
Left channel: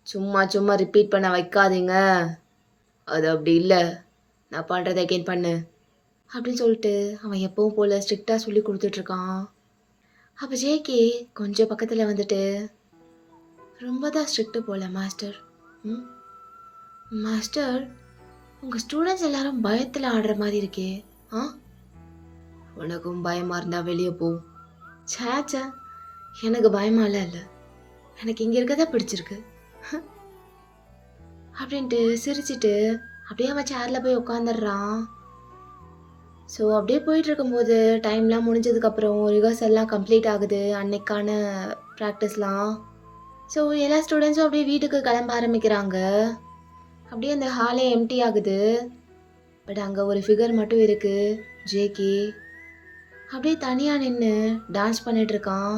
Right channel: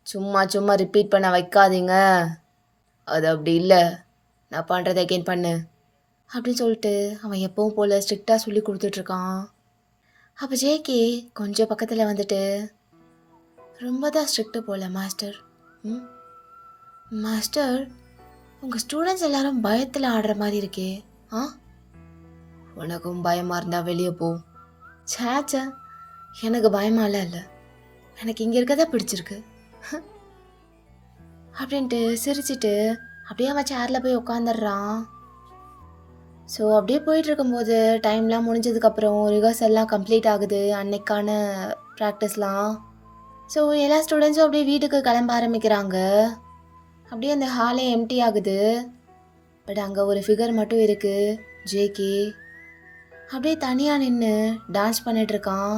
சும்மா சும்மா ரிப்பீட் பண்ண வைக்காதீங்க. அது அப்படி இல்லை, நான் பண்ணுறதை அகெயின் பண்ணு அப்படின்னு சொல்லிட்டு அவன் எப்பவும் போல் ஸ்ட்ரிக்டாக சொல்லி கொடுத்துட்ருக்கான். அப்போ ஜேகே கொஞ்சம் பக்கத்தில் வந்துட்டு, ரொம்ப தான் ஸ்ட்ரிக்ட்டு போல மாஸ்டர். மாஸ்டர், உங்கள் ஸ்டூடெண்ட்ஸ் எல்லாரும் பயத்தில் ஆடுற மாதிரி இருக்கே. ஆ, உனக்கும் பயமாக இருந்தால் வெளியே போ. சேச்சா, எனக்கு பயமாலாம் இல்லை, எனக்கு இங்கே இருக்கதா பிடிச்சிருக்கு அப்படின்ட்டு சிரிச்சிட்டு அப்படியே அவன் சேரில் போய் உட்காந்துடுறான். ஸோ அப்படியே போயிட்டுருக்கும்போது டைம்லாம் முடிஞ்சதுக்கப்புறம் ரிஹர்சல்லாம் கம்ப்ளீட் ஆகுது, அன்னைக்கான ப்ராக்டிஸ்லாம். ஸோ எல்லா ஸ்டூடெண்ட்ஸும் அப்படியே வீட்டுக்கு கிளம்ப ஆரம்பிக்கிறாங்க. அப்படியே அந்த ஹாலே எம்டி ஆகுது. பட் அங்கே ஒரு ஃபிகர் மட்டும் இருக்குது, ஜேகே. அப்படியே தனியாக நின்று டான்ஸ் பண்ணிகிட்ருக்கான்.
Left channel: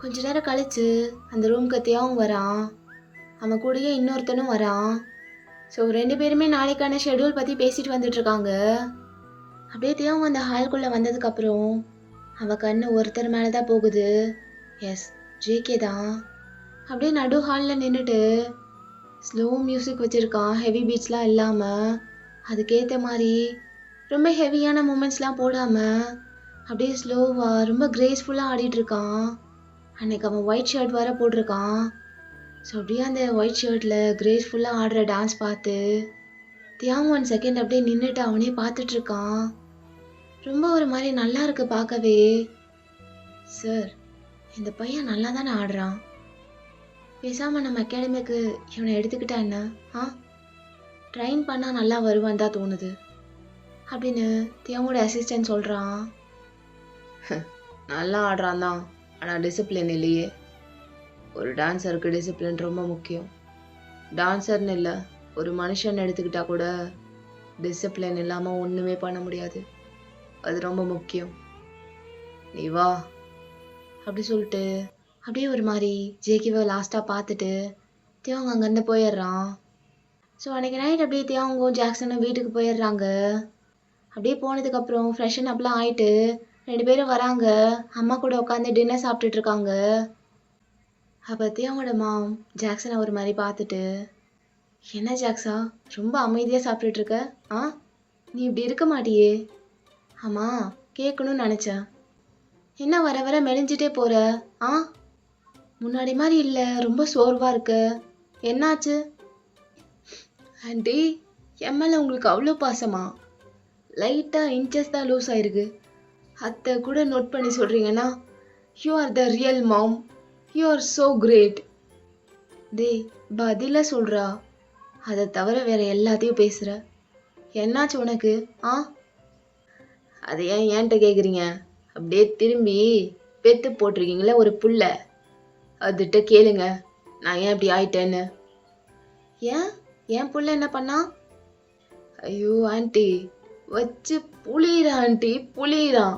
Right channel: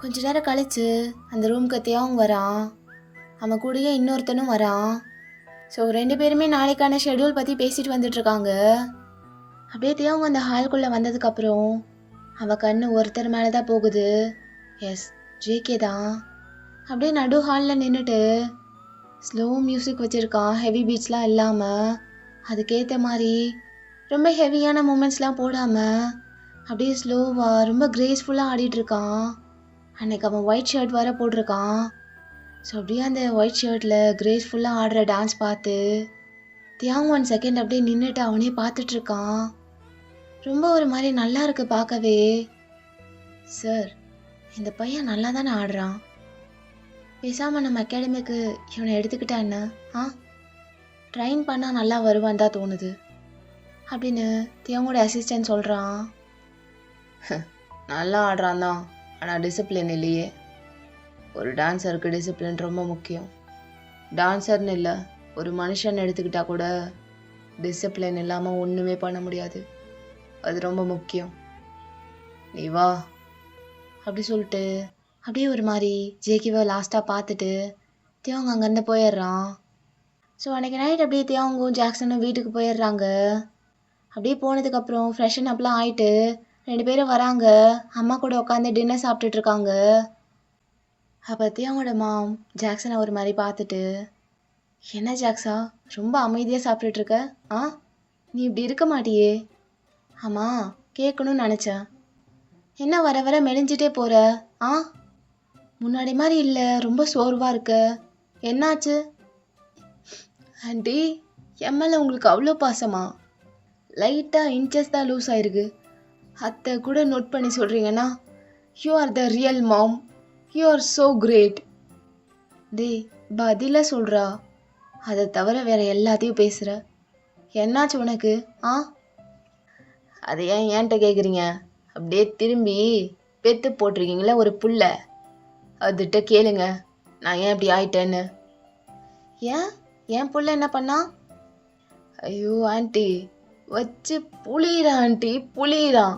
கொஞ்ச நேரம் கழித்து அந்த ரூம்க்கு தியாங் வரான், அவன் கூடயே இன்னொருத்தனும் வரான். ஸோ 2 பேருமே நாளைக்கான ஷெடியூல் பற்றி பேசிட்டு வந்துட்டுருக்காங்க. அப்படியே தியாங் அந்த ஹால்குள்ளே வந்ததுக்கப்புறம் அவன் கண்ணு ஒருத்தர் மேலே தான் போகுது. எஸ், ஜேகே தான். அப்படியே நடு ஹாலில் நின்றுட்டு ஸ்லோ மியூசிக் வச்சுருக்கான், ஹெவி பீட்ஸ்லாம் இல்லாமல். அதுக்கேற்ற மாதிரி ரொம்ப ஹெவியான மூமெண்ட்ஸ்லாம் போடாமல் அப்படியே ஸ்லோவாக ரொம்ப கிரேஸ்ஃபுல்லாக ஆடிட்டுருக்கான். அன்னைக்கு அவன் ஒயிட் ஷர்ட் வர போட்டிருக்கான். ஸோ அப்படியே அந்த ஒயிட் ஷர்ட்டில் கிரேஸ்ஃபுல்லாக ஆடுற டான்ஸ் பார்த்து தியாங் 1 செகண்ட் அப்படியே நின்றுட்டு அவனே பார்த்துட்ருக்கான். ரொம்ப ஒரு மாதிரி நல்லா இருக்கு பார்க்கவே. சார், இந்த பையன் நல்லா தானே ஆடுறான், பேசாமல் நம்ம அகாடமிக்கு இவனை எடுத்துக்கிட்டா என்ன? ட்ரைன் பண்ணால் நல்லா வருவான் தான் தோணுது அப்படின்னு தியாங்கோட அசிஸ்டன்ட் சொல்கிறான். நல்லா ஆடுறான் தான், ஆனால் டிசிப்ளின் இல்லையே. ஒரு டான்ஸருக்கு டிசிப்ளின் ரொம்ப முக்கியம். டான்ஸர்னு இல்லை, ஒரு மனுஷன் எடுத்துக்கிட்டா கூட டிசிப்ளின் இல்லாமல் ஒன்றுமே பண்ண முடியாது. அது ரொம்ப முக்கியம். நீ வா அப்படி சொல்லிட்டு அப்படியே ஒரு மாதிரி ஜேகேவை லாஸ்ட்டாக பார்த்துட்டு தியாங் அங்கேருந்து போயிடுறான். ஸோ அன்றைக்கி நைட் அப்படியே தியாங்கும் ஜாக்சனும் வீட்டுக்கு போயிடுறாங்க. அப்படியே போனதுக்கப்புறம் ஃப்ரெஷன் அப்லாம் ஆகிட்டு 2 பேரும் வராங்க. அம்மா கூட உட்காந்து டின்னர் சாப்பிட்டுட்ருக்காங்க. அப்போ தியாங்கோட மாம் ஜாக்சனை ஒரு மாதிரி பார்த்துட்டு, என்ன ஜாக்ஸா, ரொம்ப அமைதியாக சாப்பிட்டுட்ருக்க? நீ இப்படி இருக்க மாட்டியே. ஆமாம், கேட்கணும்னு நினச்சேன். என்ன வர வர மெலிஞ்சிட்டே போகிற? முன்னாடி மாதிரி இல்லை, ரொம்ப சோர்வாக இருக்க, என்னாச்சு? ஆண்டி, என் மேலே உங்களுக்கு அவ்வளோ பாசமா? லைட்டாக இன்ச்சஸ் தான் லூஸ் ஆயிருக்கு. அத்தை கூட நோட் பண்ணி சொல்கிறீங்கன்னா, you are the real mom, you are so great. டேய், பதிலாக சொல்கிறா, அதை தவிர வேறு எல்லாத்தையும் பேசுகிற. என்னாச்சு உனக்கு? அதை ஏன் என்கிட்ட கேட்குறீங்க? அப்படியே திரும்பி பெத்து போட்டிருக்கீங்களே ஒரு புல்லை, அதுகிட்ட கேளுங்க நான் ஏன் இப்படி ஆயிட்டேன்னு. ஏன் புள்ள என்ன பண்ணா? ஐயோ ஆண்டி, வச்சு புளியிறான் ஆண்டி, புளியிறான்.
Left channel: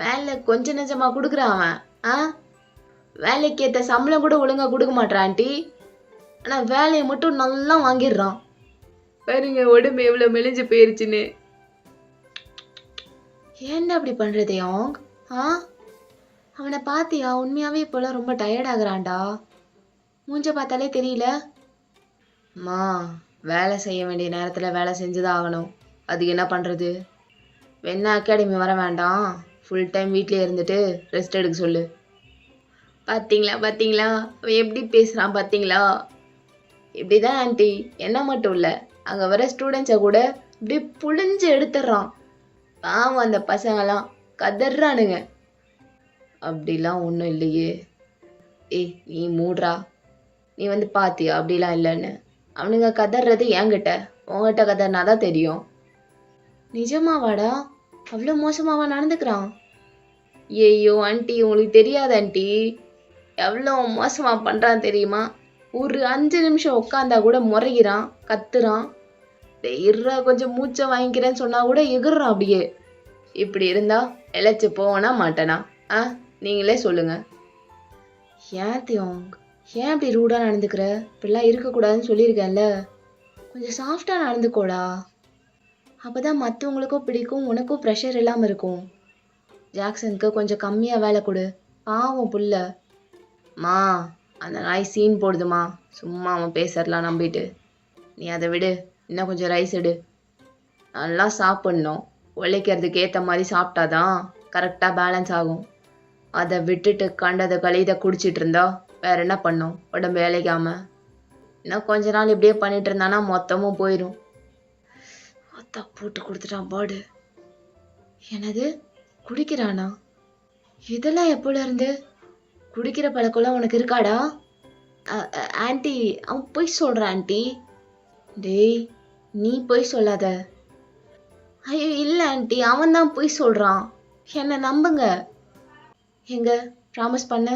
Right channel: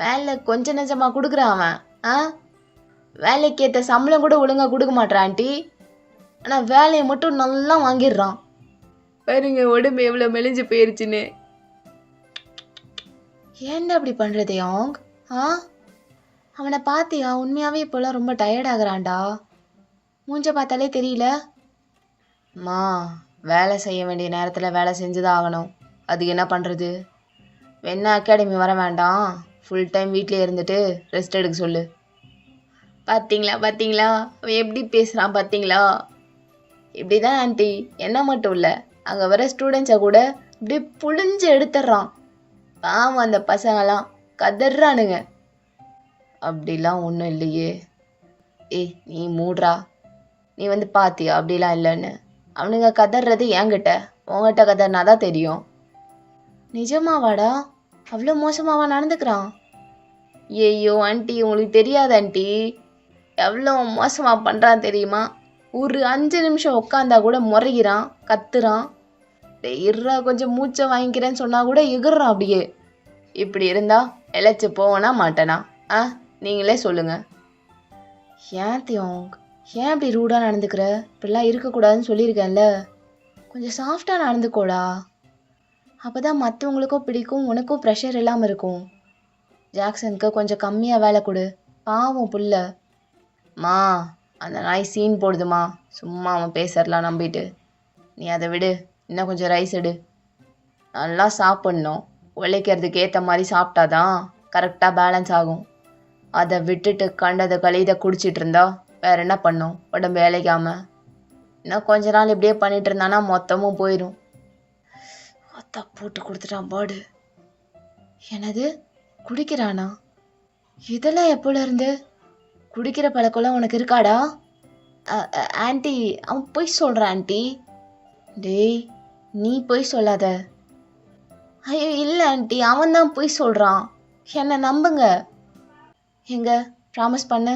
வேலை கொஞ்சம் நெஞ்சமாக கொடுக்குறான் அவன். வேலைக்கு ஏற்ற சம்பளம் கூட ஒழுங்காக கொடுக்க மாட்டான் ஆண்டி, ஆனால் வேலையை மட்டும் நல்லா வாங்கிடுறான். பாருங்க உடம்பு எவ்வளோ மெலிஞ்சு போயிருச்சுன்னு. ஏன்டா அப்படி பண்ணுறது அவங்க? அவனை பார்த்தியா, உண்மையாகவே இப்போலாம் ரொம்ப டயர்ட் ஆகுறான்டா. மூஞ்ச பார்த்தாலே தெரியல. அம்மா, வேலை செய்ய வேண்டிய நேரத்தில் வேலை செஞ்சுதான் ஆகணும், அதுக்கு என்ன பண்ணுறது? வேணா அகாடமி வர வேண்டாம், ஃபுல் டைம் வீட்டிலே இருந்துட்டு ரெஸ்ட் எடுக்க சொல்லு. பார்த்தீங்களா பார்த்தீங்களா அவன் எப்படி பேசுகிறான் பார்த்தீங்களா? இப்படி தான் ஆண்டி, என்ன மட்டும் இல்லை, அங்கே வர ஸ்டூடெண்ட்ஸை கூட இப்படி புழிஞ்சு எடுத்துட்றான். பாவம் அந்த பசங்களாம் கதறானுங்க. அப்படிலாம் ஒன்றும் இல்லையே. ஏய் நீ மூடுறா, நீ வந்து பார்த்தியா அப்படிலாம் இல்லைன்னு? அவனுங்க கதறது என்கிட்ட, உங்ககிட்ட கதறினா தான் தெரியும். நிஜமாவாடா? அவ்வளோ மோசமாவா நடந்துக்கிறான்? ஐயோ ஆண்டி, உங்களுக்கு தெரியாது ஆண்டி, எவ்வளோ மோசமாக பண்ணுறான் தெரியுமா? ஒரு 5 நிமிஷம் உட்காந்தா கூட முறைகிறான், கத்துறான். டேய் இருடா கொஞ்சம் மூச்சை வாங்கிக்கிறேன்னு சொன்னா கூட எகுறான் அப்படியே. இப்படி இருந்தா இழைச்சி போவனா மாட்டேனா? ஆ நீங்களே சொல்லுங்க. ஏன் தியோங், ஏன் அப்படி ரூடாக நடந்துக்கிற? இப்படிலாம் இருக்கக்கூடாதுன்னு சொல்லியிருக்கேன்ல. கொஞ்சம் சாஃப்டாக நடந்துக்கோடா. அப்போ தான் மற்றவங்களுக்கும் பிடிக்கும், உனக்கும் ப்ரெஷர் இல்லாமல் இருக்கும். ஜாக்சனுக்கு கொஞ்சம் கம்மியாக வேலை கொடு, பாவம் புள்ள. மா அந்த நாய் சீன் போடுதுமா, சும்மா அவன் பேசுறலாம் நம்பிட்டு. நீ அதை விடு, இன்னும் கொஞ்சம் ரைஸ் எடு. நல்லா சாப்பிட்ணும், உழைக்கிறதுக்கு ஏற்ற மாதிரி சாப்பிட்டாதான் கரெக்டாக பேலன்ஸ் ஆகும். அதை விட்டுட்டு கண்டதை கழிதை குடிச்சிட்டு இருந்தா வேற என்ன பண்ணும் உடம்பு வேலைக்காம. இன்னும் கொஞ்ச நாள் இப்படியே பண்ணிட்டு இருந்தானா மொத்தமும் போயிடும். அத்தா போட்டு கொடுத்துட்டான் பாடு. என்னது குடிக்கிறானா? இதெல்லாம் எப்போல இருந்து? குடிக்கிற பழக்கம்லாம் உனக்கு இருக்காடா? ஆன்ட்டி அவன் பொய் சொல்கிறான் ஆன்ட்டி. டேய் நீ பொய் சொல்லாத. ஐயோ இல்லை ஆன்ட்டி, அவன் தான் பொய் சொல்கிறான், என்னை நம்புங்க. எங்க ப்ராமிஸ் பண்ணு,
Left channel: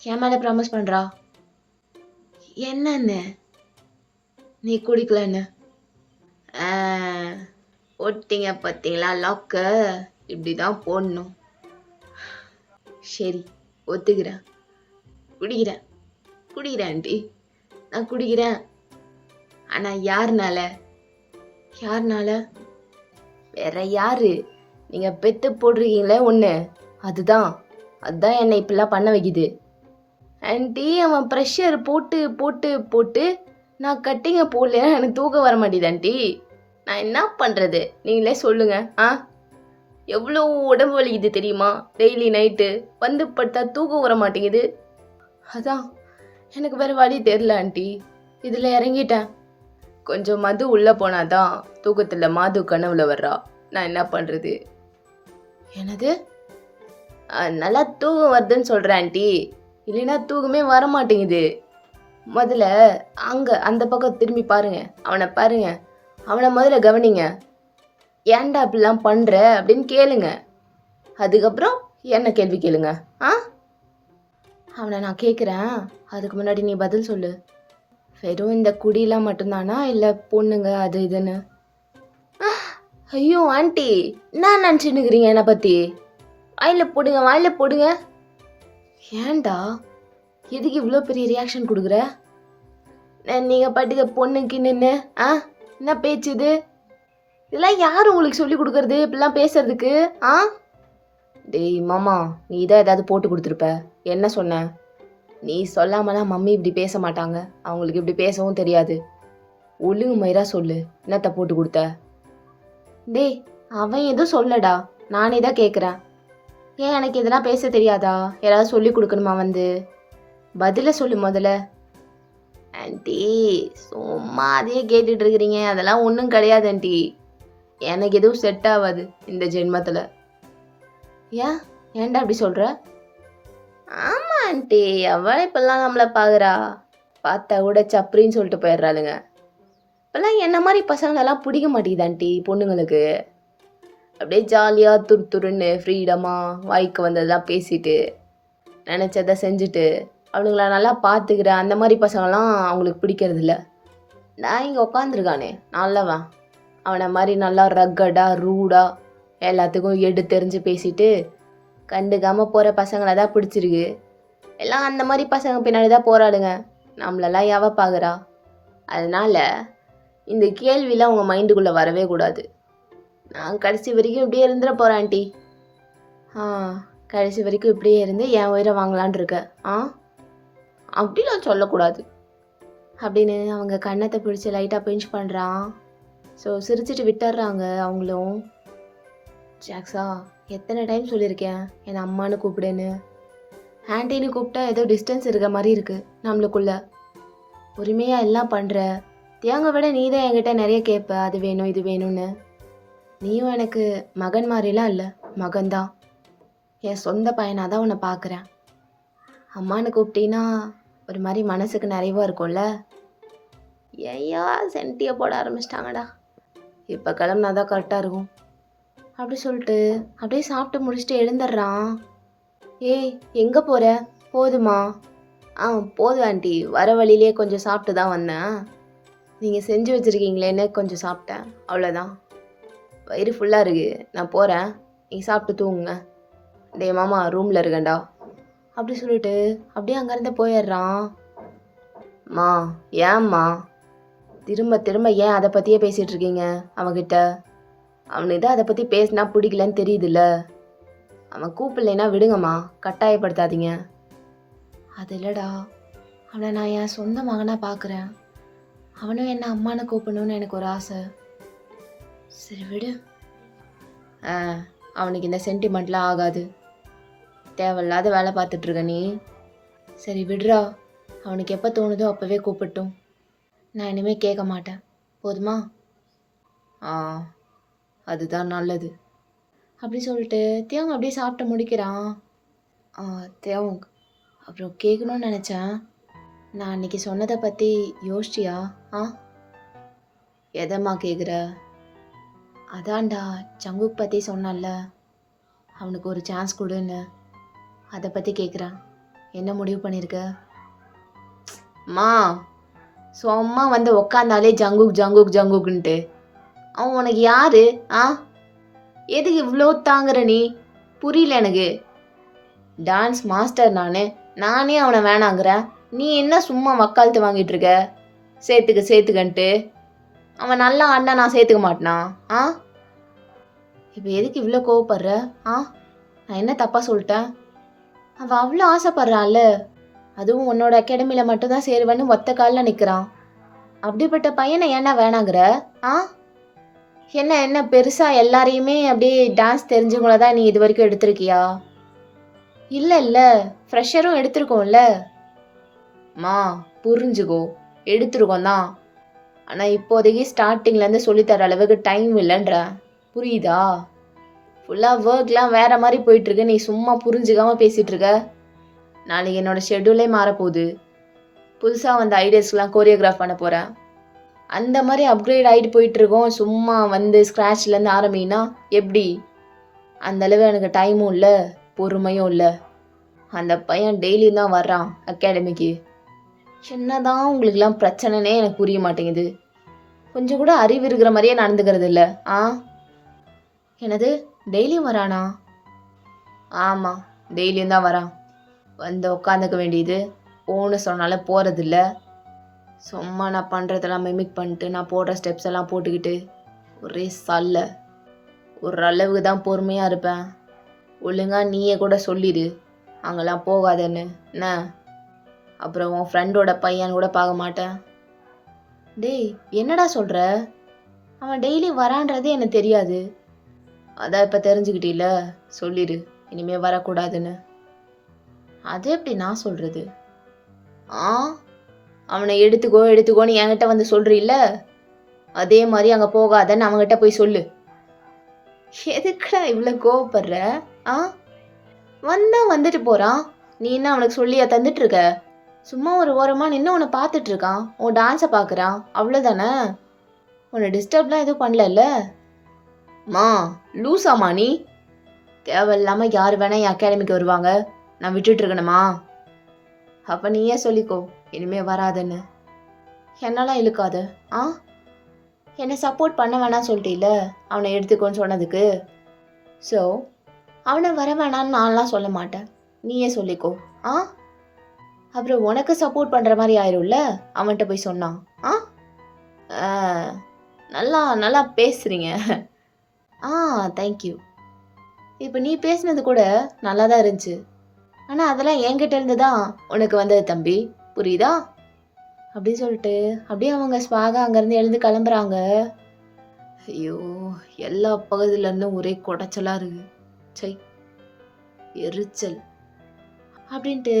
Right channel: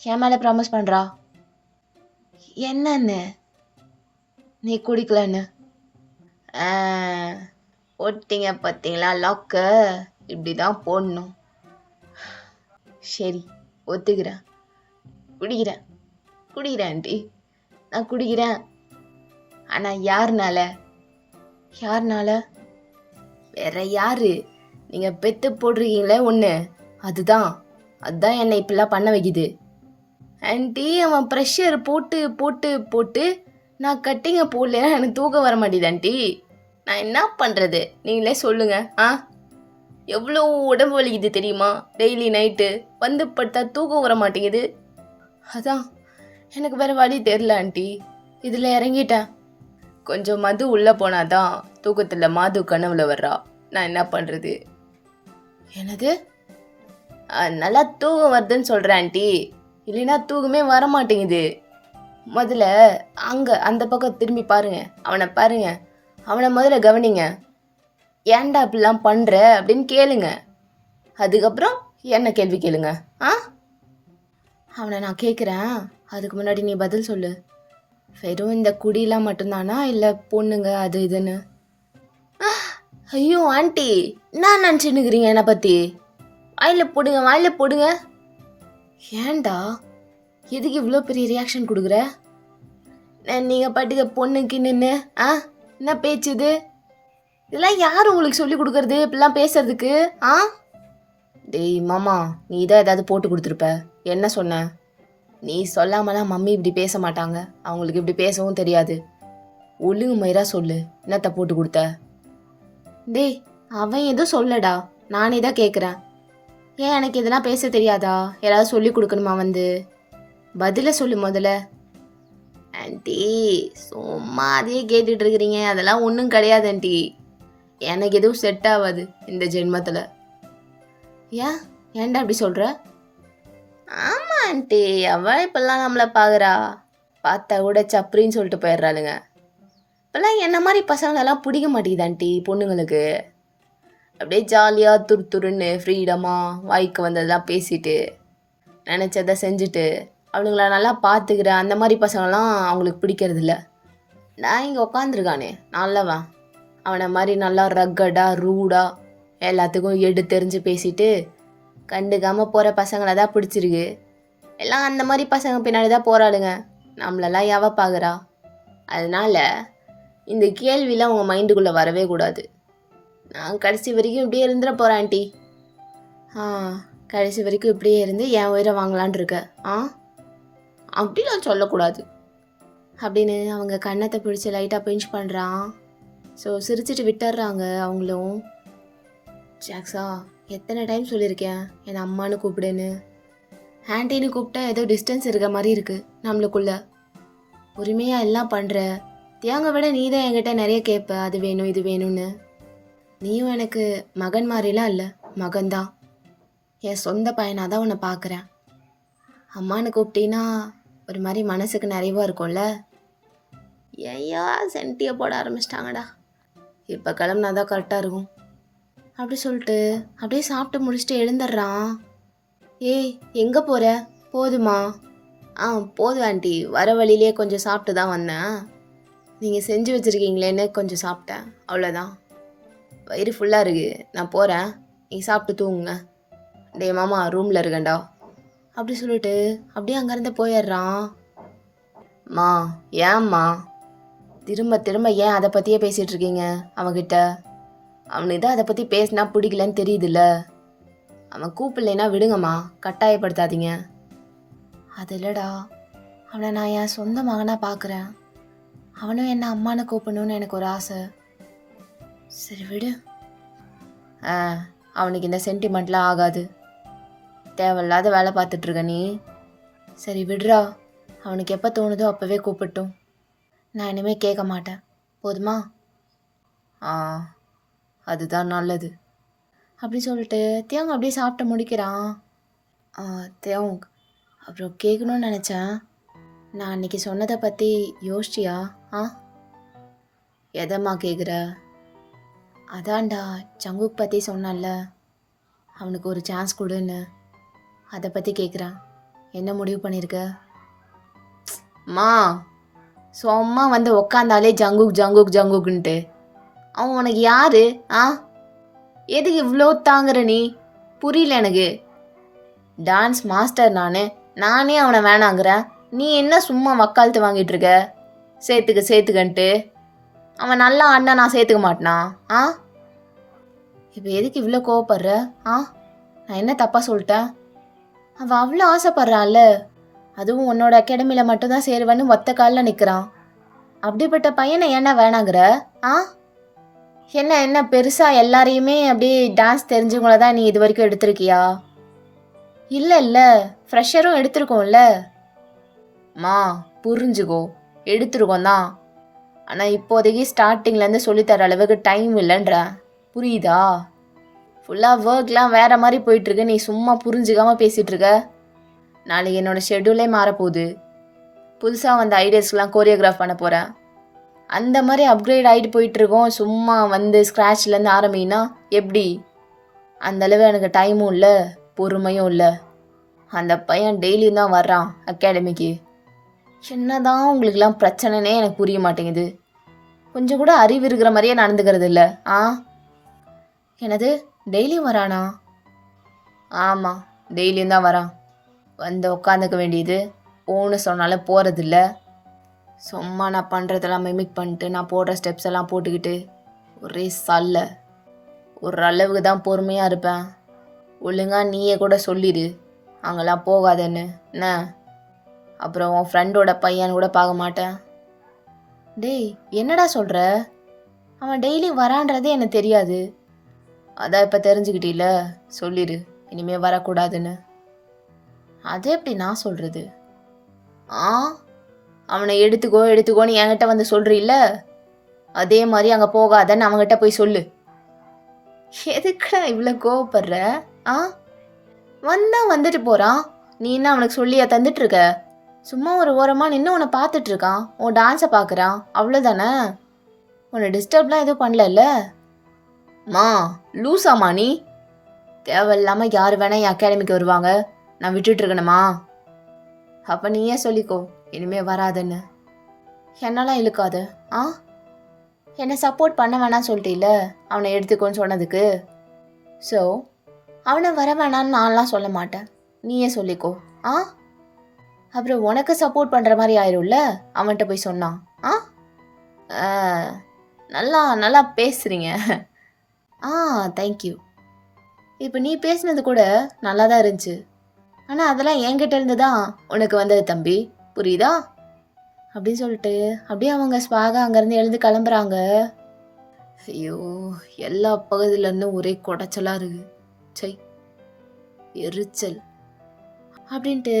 என் மேலே ப்ராமிஸ் பண்ணுறா. என்னன்னு? நீ குடிக்கலன்னு. போட்டிங்க பார்த்தீங்களா லாக்க, இப்படி தான் போடணும். சரி ஒத்துக்கிறேன், குடிக்கிறேன் குடிக்கிறேன் ஆண்டி, நான் குடிக்கிறேன். ஆனால் யாருனால? யாருனால? வேற யாரு? நீங்கள் பெத்து போட்டிருக்கீங்களே ஒன்று, அதுதான் அதுதான் என்னை இப்படிலாம் பண்ண வைக்குது. ஆண்டி அவன் ப்ரெஷர் போட்டு போட்டு போட்டு நான் கட்டிங்க போடலன்னா எனக்கு தூக்கம் வர மாட்டேது ஆண்டி. நான் என்ன பண்ணுறது நீங்களே சொல்லுங்க. எவ்வளோ உடம்பு வலிக்குது தெரியுமா? டெய்லி நைட்டு வந்து படுத்தா தூக்கம் வர மாட்டேங்குது. அதான் எனக்கு வேறு வழி தெரில ஆண்டி, இதில் இறங்கிட்டேன். கொஞ்சம் மது உள்ளே போனாதான் தூக்கத்தில் மாது கனவுல வர்றா. நான் என்ன பண்ணுறது? என்னது? நல்லா தூக்கம் வருதுன்னு சொல்கிறேன் ஆண்டி, இல்லைன்னா தூக்கமே வர மாட்டேங்குது. முதல்ல அங்கே அந்த பக்கம் திரும்பி பாருங்க, அவனை பாருங்க, அவனை முதல்ல கவனிங்க. ஏன்டா அப்படிலாம் பண்ணுற அப்படின்னு கேளுங்க, அதுக்கப்புறம் என்ன கேள்வி கேளுங்க. அவனை நான் கேட்குறேன், அதுக்கு முன்னாடி நீ பதில் சொல்லு. வெறும் இந்த குடியெலாம் மட்டும்தானா இல்லை பொண்ணுங்க அது இதுன்னு? ஐயோ ஆண்டி என்ன நினச்சின்னுக்கிறீங்க என்னை பற்றி? வாயில் போடுங்க வாயில் போடுங்க. ஏன்டா எதுக்கு இவ்வளோ பெரிய ரியாக்ஷன் கொடுக்குற? நீங்கள் பாட்டுக்க பொண்ணுக்கு நின்று என்ன பேச்சு இது? இதெல்லாம் யார் உங்களுக்கு சொல்லி கொடுக்குறது இப்படிலாம் பேசுறதுக்கு? டேய் மாமா, நீ தான் ஏதாவது போட்டு கொடுத்துருப்ப. என்ன சொன்ன? நீ சொல்லாமலாம் மம்மி இப்படி பேச மாட்டாங்க, அவங்களுக்கு இப்படி பேசவும் தெரியாது. ஒழுங்கு மயிரா சொல்லு, என்னத்த போட்டு கொடுத்த? டேய் அவன் எதுவும் சொல்லடா, நானே தான் கேட்குறேன். ஏன் எனக்கு இதெல்லாம் பேச தெரியாதா? யாராவது சொல்லி கொடுக்கணுமா? வந்து பதில சொல்லு முதல்ல. ஆண்டி சும்மா அதையே கேட்டுட்டு இருக்கிறீங்க, அதெல்லாம் ஒன்றும் கிடையாது ஆண்டி. எனக்கு எதுவும் செட் ஆகாது இந்த ஜென்மத்தில். ஏன்டா அப்படி சொல்கிற? ஆமாம் ஆண்டி, அவள் இப்பெல்லாம் நம்மளை பார்க்குறா, பார்த்தா கூட சப்ரின்னு சொல்லிட்டு போயிடுறாளுங்க. இப்போல்லாம் என்ன மாதிரி பசங்களெல்லாம் பிடிக்க மாட்டேங்குது ஆண்டி பொண்ணுங்களுக்கு. அப்படியே ஜாலியாக துருத்துருன்னு ஃப்ரீடமாக வாய்க்கு வந்ததெல்லாம் பேசிட்டு நினச்சதை செஞ்சுட்டு அவனுங்கள நல்லா பார்த்துக்கிற அந்த மாதிரி பசங்களாம் அவங்களுக்கு பிடிக்கிறதில்ல. நான் இங்கே உட்காந்துருக்கானே நல்லவன், அவனை மாதிரி நல்லா ரக்கடாக ரூடாக எல்லாத்துக்கும் தெரிஞ்சு பேசிட்டு கண்டுக்காமல் போகிற பசங்களை தான் பிடிச்சிருக்கு. எல்லாம் அந்த மாதிரி பசங்க பின்னாடி தான் போராடுங்க, நம்மளெல்லாம் எவ பார்க்குறா? அதனால் இந்த கேள்விலாம் உங்கள் மைண்டுக்குள்ளே வரவே கூடாது. நான் கடைசி வரைக்கும் இப்படியே இருந்துட போகிறேன் ஆண்டி. கடைசி வரைக்கும் இப்படியே இருந்து என் உயிரை வாங்கலான் இருக்க? அப்படிலாம் சொல்லக்கூடாது அப்படின்னு அவங்க கன்னத்தை பிடிச்சி லைட்டாக பிஞ்ச் பண்ணுறான். ஸோ சிரிச்சிட்டு விட்டுடுறாங்க அவங்களும். ஜாக்ஸா எத்தனை டைம் சொல்லியிருக்கேன் என்னை அம்மானு கூப்பிடுன்னு. ஆண்டின்னு கூப்பிட்டா ஏதோ டிஸ்டன்ஸ் இருக்க மாதிரி இருக்குது நம்மளுக்குள்ள. உரிமையாக எல்லாம் பண்ணுற, தேங்க விட நீ தான் என்கிட்ட நிறைய கேட்ப, அது வேணும் இது வேணும்னு. நீயும் எனக்கு மகன் மாதிரிலாம் இல்லை, மகன்தான். என் சொந்த பையனாக தான் உன்னை பார்க்குறேன். அம்மானு கூப்பிட்டீன்னா ஒரு மாதிரி மனசுக்கு நிறைவாக இருக்கும்ல. ஐயோ சென்ட்டியை போட ஆரம்பிச்சிட்டாங்கடா, இப்போ கிளம்புனா தான் கரெக்டாக இருக்கும் அப்படி சொல்லிட்டு அப்படியே சாப்பிட்டு முடிச்சுட்டு எழுந்துடுறான். ஏய் எங்கே போகிற? போதுமா? ஆ போதும் ஆண்டி. வர வழியிலே கொஞ்சம் சாப்பிட்டு தான் வந்தேன். நீங்கள் செஞ்சு வச்சுருக்கீங்களேன்னு கொஞ்சம் சாப்பிட்டேன். அவ்வளோதான். வயிறு ஃபுல்லாக இருக்கு. நான் போகிறேன். நீங்கள் சாப்பிட்டு தூங்குங்க. டேய் மாமா ரூமில் இருக்கேன்டா. அப்படி சொல்லிட்டு அப்படியே அங்கேருந்து போயிடுறான். மா ஏம்மா திரும்ப திரும்ப ஏன் அதை பற்றியே பேசிகிட்டு இருக்கீங்க அவகிட்ட? அவனுக்கு தான் அதை பற்றி பேசினா பிடிக்கலன்னு தெரியுதுல்ல. அவன் கூப்பிடலைன்னா விடுங்கம்மா, கட்டாயப்படுத்தாதீங்க. அது இல்லைடா, அவனை நான் என் சொந்த மகனாக பார்க்குறேன். அவனும் என்ன அம்மானு கூப்பிடணும்னு எனக்கு ஒரு ஆசை. சரி விடு. அவனுக்கு இந்த சென்டிமெண்ட்லாம் ஆகாது. தேவையில்லாத வேலை பார்த்துட்ருக்க நீ. சரி விடுறா, அவனுக்கு எப்போ தோணுதோ அப்போவே கூப்பிட்டும். நான் இனிமேல் கேட்க மாட்டேன். போதுமா? அதுதான் நல்லது. அப்படி சொல்லிட்டு தேவங்க அப்படியே சாப்பிட்டு முடிக்கிறான். தேவங்க அப்புறம் கேட்கணும்னு நினச்சேன். நான் அன்றைக்கி சொன்னதை பற்றி யோசிச்சியா? எதம்மா கேட்குற? அதான்டா ஜங்குக் பற்றி சொன்னல, அவனுக்கு ஒரு சான்ஸ் கொடுன்னு. அதை பற்றி கேட்குறேன். என்ன முடிவு பண்ணியிருக்க? மா சும்மா வந்து உக்காந்தாலே ஜங்குக் ஜங்குக் ஜங்குக்குன்ட்டு. அவன் உனக்கு யாரு? எதுக்கு இவ்வளோ தாங்குற நீ? புரியல எனக்கு. டான்ஸ் மாஸ்டர் நானே அவனை வேணாங்கிறேன். நீ என்ன சும்மா வக்காலத்து வாங்கிட்டு இருக்க? சேர்த்துக்கன்ட்டு. அவன் நல்லா ஆடினா நான் சேர்த்துக்க மாட்டேனா? இப்போ எதுக்கு இவ்வளோ கோவப்படுற? நான் என்ன தப்பாக சொல்லிட்டேன்? அவன் அவ்வளோ ஆசைப்படுறான்ல, அதுவும் உன்னோட அகாடமியில் மட்டும்தான் சேருவேன்னு ஒத்த காலில் நிற்கிறான். அப்படிப்பட்ட பையனை ஏன்னா வேணாங்கிற? என்ன பெருசாக எல்லாரையுமே அப்படியே டான்ஸ் தெரிஞ்சவங்கள தான் நீ இது வரைக்கும் எடுத்திருக்கியா? இல்லை ஃப்ரெஷரும் எடுத்திருக்கோம்ல. மா புரிஞ்சுக்கோ, எடுத்துருக்கோம் தான். ஆனால் இப்போதைக்கு ஸ்டார்டிங்லேருந்து சொல்லித்தர அளவுக்கு டைம் இல்லைன்ற. புரியுதா? ஃபுல்லாக ஒர்க்லாம் வேறு மாதிரி போயிட்டுருக்கு. நீ சும்மா புரிஞ்சுக்காமல் பேசிகிட்ருக்க. நாளைக்கு என்னோடய ஷெட்யூலே மாறப்போகுது. புதுசாக வந்த ஐடியாஸ்க்கெலாம் கோரியோகிராஃப் பண்ண போகிறேன். அந்த மாதிரி அப்கிரேட் ஆகிட்டு போயிட்டுருக்கோம். சும்மா வந்து ஸ்க்ராட்ச்லேருந்து ஆரம்பினா எப்படி? அந்தளவு எனக்கு டைமும் இல்லை, பொறுமையும் இல்லை. அந்த பையன் டெய்லியும் தான் வர்றான் அகாடமிக்கு. என்னதான் உங்களுக்கெல்லாம் பிரச்சனைனே எனக்கு புரிய மாட்டேங்குது. கொஞ்சம் கூட அறிவு இருக்கிற மாதிரியே நடந்துக்கிறது இல்லை. என்னது டெய்லியும் வரானா? ஆமாம், டெய்லியும் தான் வரான். வந்து உட்காந்துக்க வேண்டியது, போன்னு சொன்னாலும் போகிறதில்ல. சும்மா நான் பண்ணுறதெல்லாம் மிமிக் பண்ணிட்டு நான் போடுற ஸ்டெப்ஸ் எல்லாம் போட்டுக்கிட்டு ஒரே சல்ல. ஒரு அளவுக்கு தான் பொறுமையாக இருப்பேன். ஒழுங்காக நீயே கூட சொல்லிடு அங்கெல்லாம் போகாதன்னு என்ன. அப்புறம் உன் ஃப்ரெண்டோட பையன் கூட பார்க்க மாட்டேன். டேய் என்னடா சொல்கிற? அவன் டெய்லி வரான்றது எனக்கு தெரியாது. அதான் இப்போ தெரிஞ்சுக்கிட்டீல, சொல்லிடு இனிமேல் வரக்கூடாதுன்னு. அது எப்படி நான் சொல்கிறது? அவனை எடுத்துக்கோன்னு என்கிட்ட வந்து சொல்கிறீல்ல, அதே மாதிரி அங்கே போகாதன்னு அவங்ககிட்ட போய் சொல்லு. எதுக்குடா இவ்வளோ கோவப்படுற? வந்தால் வந்துட்டு போகிறான். நீ என்ன அவனுக்கு சொல்லியா தந்துட்டுருக்க? சும்மா ஒரு ஓரமாக நின்று உன்னை பார்த்துட்ருக்கான். உன் டான்ஸை பார்க்குறான், அவ்வளோதானே. உன்னை டிஸ்டர்ப்லாம் எதுவும் பண்ணல. மா லூஸாமா நீ? தேவையில்லாமல் யார் வேணால் என் அகாடமிக்கு வருவாங்க, நான் விட்டுட்டுருக்கணுமா? அப்போ நீயே சொல்லிக்கோ இனிமேல் வராதுன்னு. என்னெல்லாம் இழுக்காது. என்னை சப்போர்ட் பண்ண வேணான்னு சொல்லிட்டீல அவனை எடுத்துக்கோன்னு சொன்னதுக்கு. ஸோ அவனை வர வேணான்னு நான்லாம் சொல்ல மாட்டேன், நீயே சொல்லிக்கோ. அப்புறம் உனக்கு சப்போர்ட் பண்ணுற மாதிரி ஆயிரும்ல அவன்கிட்ட போய் சொன்னான். நல்லா நல்லா பேசுகிறீங்க. தேங்க்யூ. இப்போ நீ பேசுனது கூட நல்லா தான் இருந்துச்சு. ஆனால் அதெல்லாம் என்கிட்ட இருந்து தான் உனக்கு வந்தது தம்பி, புரியுதா? அப்படின்னு சொல்லிட்டு அப்படியே அவங்க ஸ்வாக அங்கேருந்து எழுந்து கிளம்புறாங்க. ஐயோ, எல்லா பகுதியிலேருந்தும் ஒரே குடைச்சலாக இருக்குது. சை, எரிச்சல் அப்படின்ட்டு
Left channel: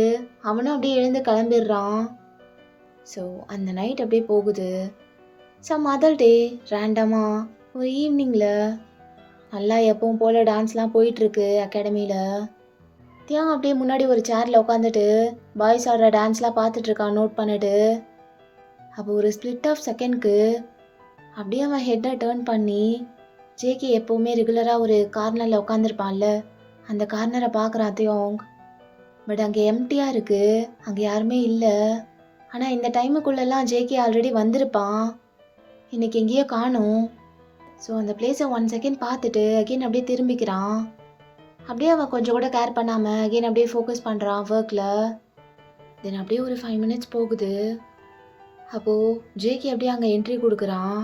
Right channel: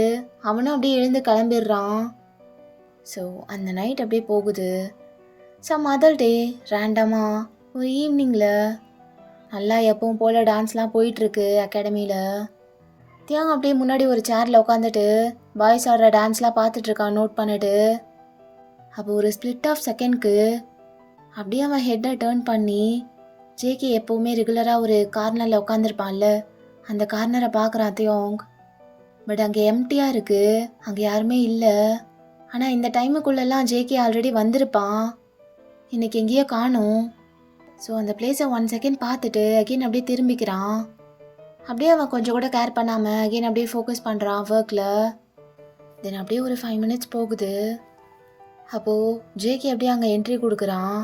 அவனும் அப்படியே எழுந்து கிளம்பிடுறான். ஸோ அந்த நைட் அப்படியே போகுது. அதர் டே ரேண்டமாக ஒரு ஈவினிங்கில் நல்லா எப்பவும் போல் டான்ஸ்லாம் போயிட்டுருக்கு அகாடமியில். தியாகம் அப்படியே முன்னாடி ஒரு சேரில் உட்காந்துட்டு பாய்ஸ் ஆடுற டான்ஸ்லாம் பார்த்துட்ருக்கான் நோட் பண்ணிட்டு. அப்போ ஒரு ஸ்ப்ளிட் ஆஃப் செகண்ட்க்கு அப்படியே அவன் ஹெட்டை டேர்ன் பண்ணி ஜேகே எப்போவுமே ரெகுலராக ஒரு கார்னரில் உட்காந்துருப்பான்ல, அந்த கார்னரை பார்க்குறான் தியோங். பட் அங்கே எம்டியாக இருக்குது, அங்கே யாருமே இல்லை. ஆனால் இந்த டைமுக்குள்ளெல்லாம் ஜேகே ஆல்ரெடி வந்திருப்பான். இன்னைக்கு எங்கேயோ காணும். ஸோ அந்த பிளேஸை 1 செகண்ட் பார்த்துட்டு அகெயின் அப்படியே திரும்பிக்கிறான். அப்படியே அவன் கொஞ்சம் கூட கேர் பண்ணாமல் அகெயின் அப்படியே ஃபோக்கஸ் பண்ணுறான் ஒர்க்கில். தென் அப்படியே ஒரு 5 மினிட்ஸ் போகுது. அப்போது ஜேகே அப்படியே அங்கே என்ட்ரி கொடுக்குறான்.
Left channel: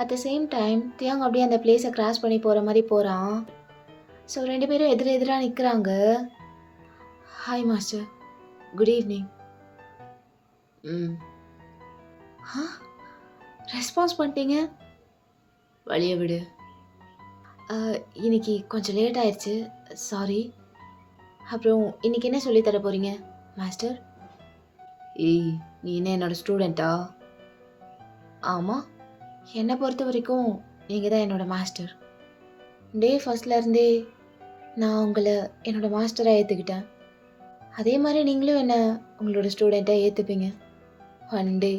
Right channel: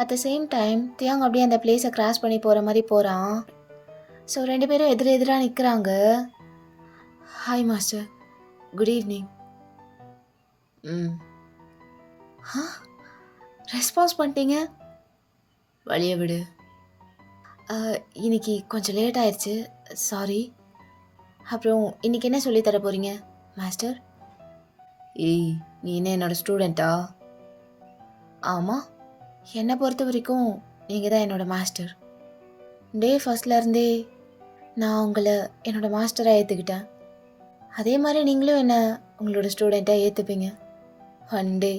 அட் த சேம் டைம் தியாங் அப்படியே அந்த பிளேஸை கிராஸ் பண்ணி போகிற மாதிரி போகிறான். ஸோ 2 பேரும் எதிராக நிற்கிறாங்க. Hi master, good evening. Response பண்ணிட்டீங்க. வழியை விடு. இன்னைக்கு கொஞ்சம் லேட் ஆயிடுச்சு, சாரி. அப்புறம் இன்னைக்கு என்ன சொல்லி தர போகிறீங்க மாஸ்டர்? ஏய், நீ என்ன என்னோட ஸ்டூடெண்ட்டா? ஆமாம், என்னை பொறுத்த வரைக்கும் நீங்கள் தான் என்னோடய மாஸ்டர். டே ஃபர்ஸ்ட்லேருந்தே நான் உங்களை என்னோடய மாஸ்டராக ஏற்றுக்கிட்டேன். அதே மாதிரி நீங்களும் என்னை உங்களோட ஸ்டூடெண்ட்டாக ஏற்றுப்பீங்க. ஒன் டே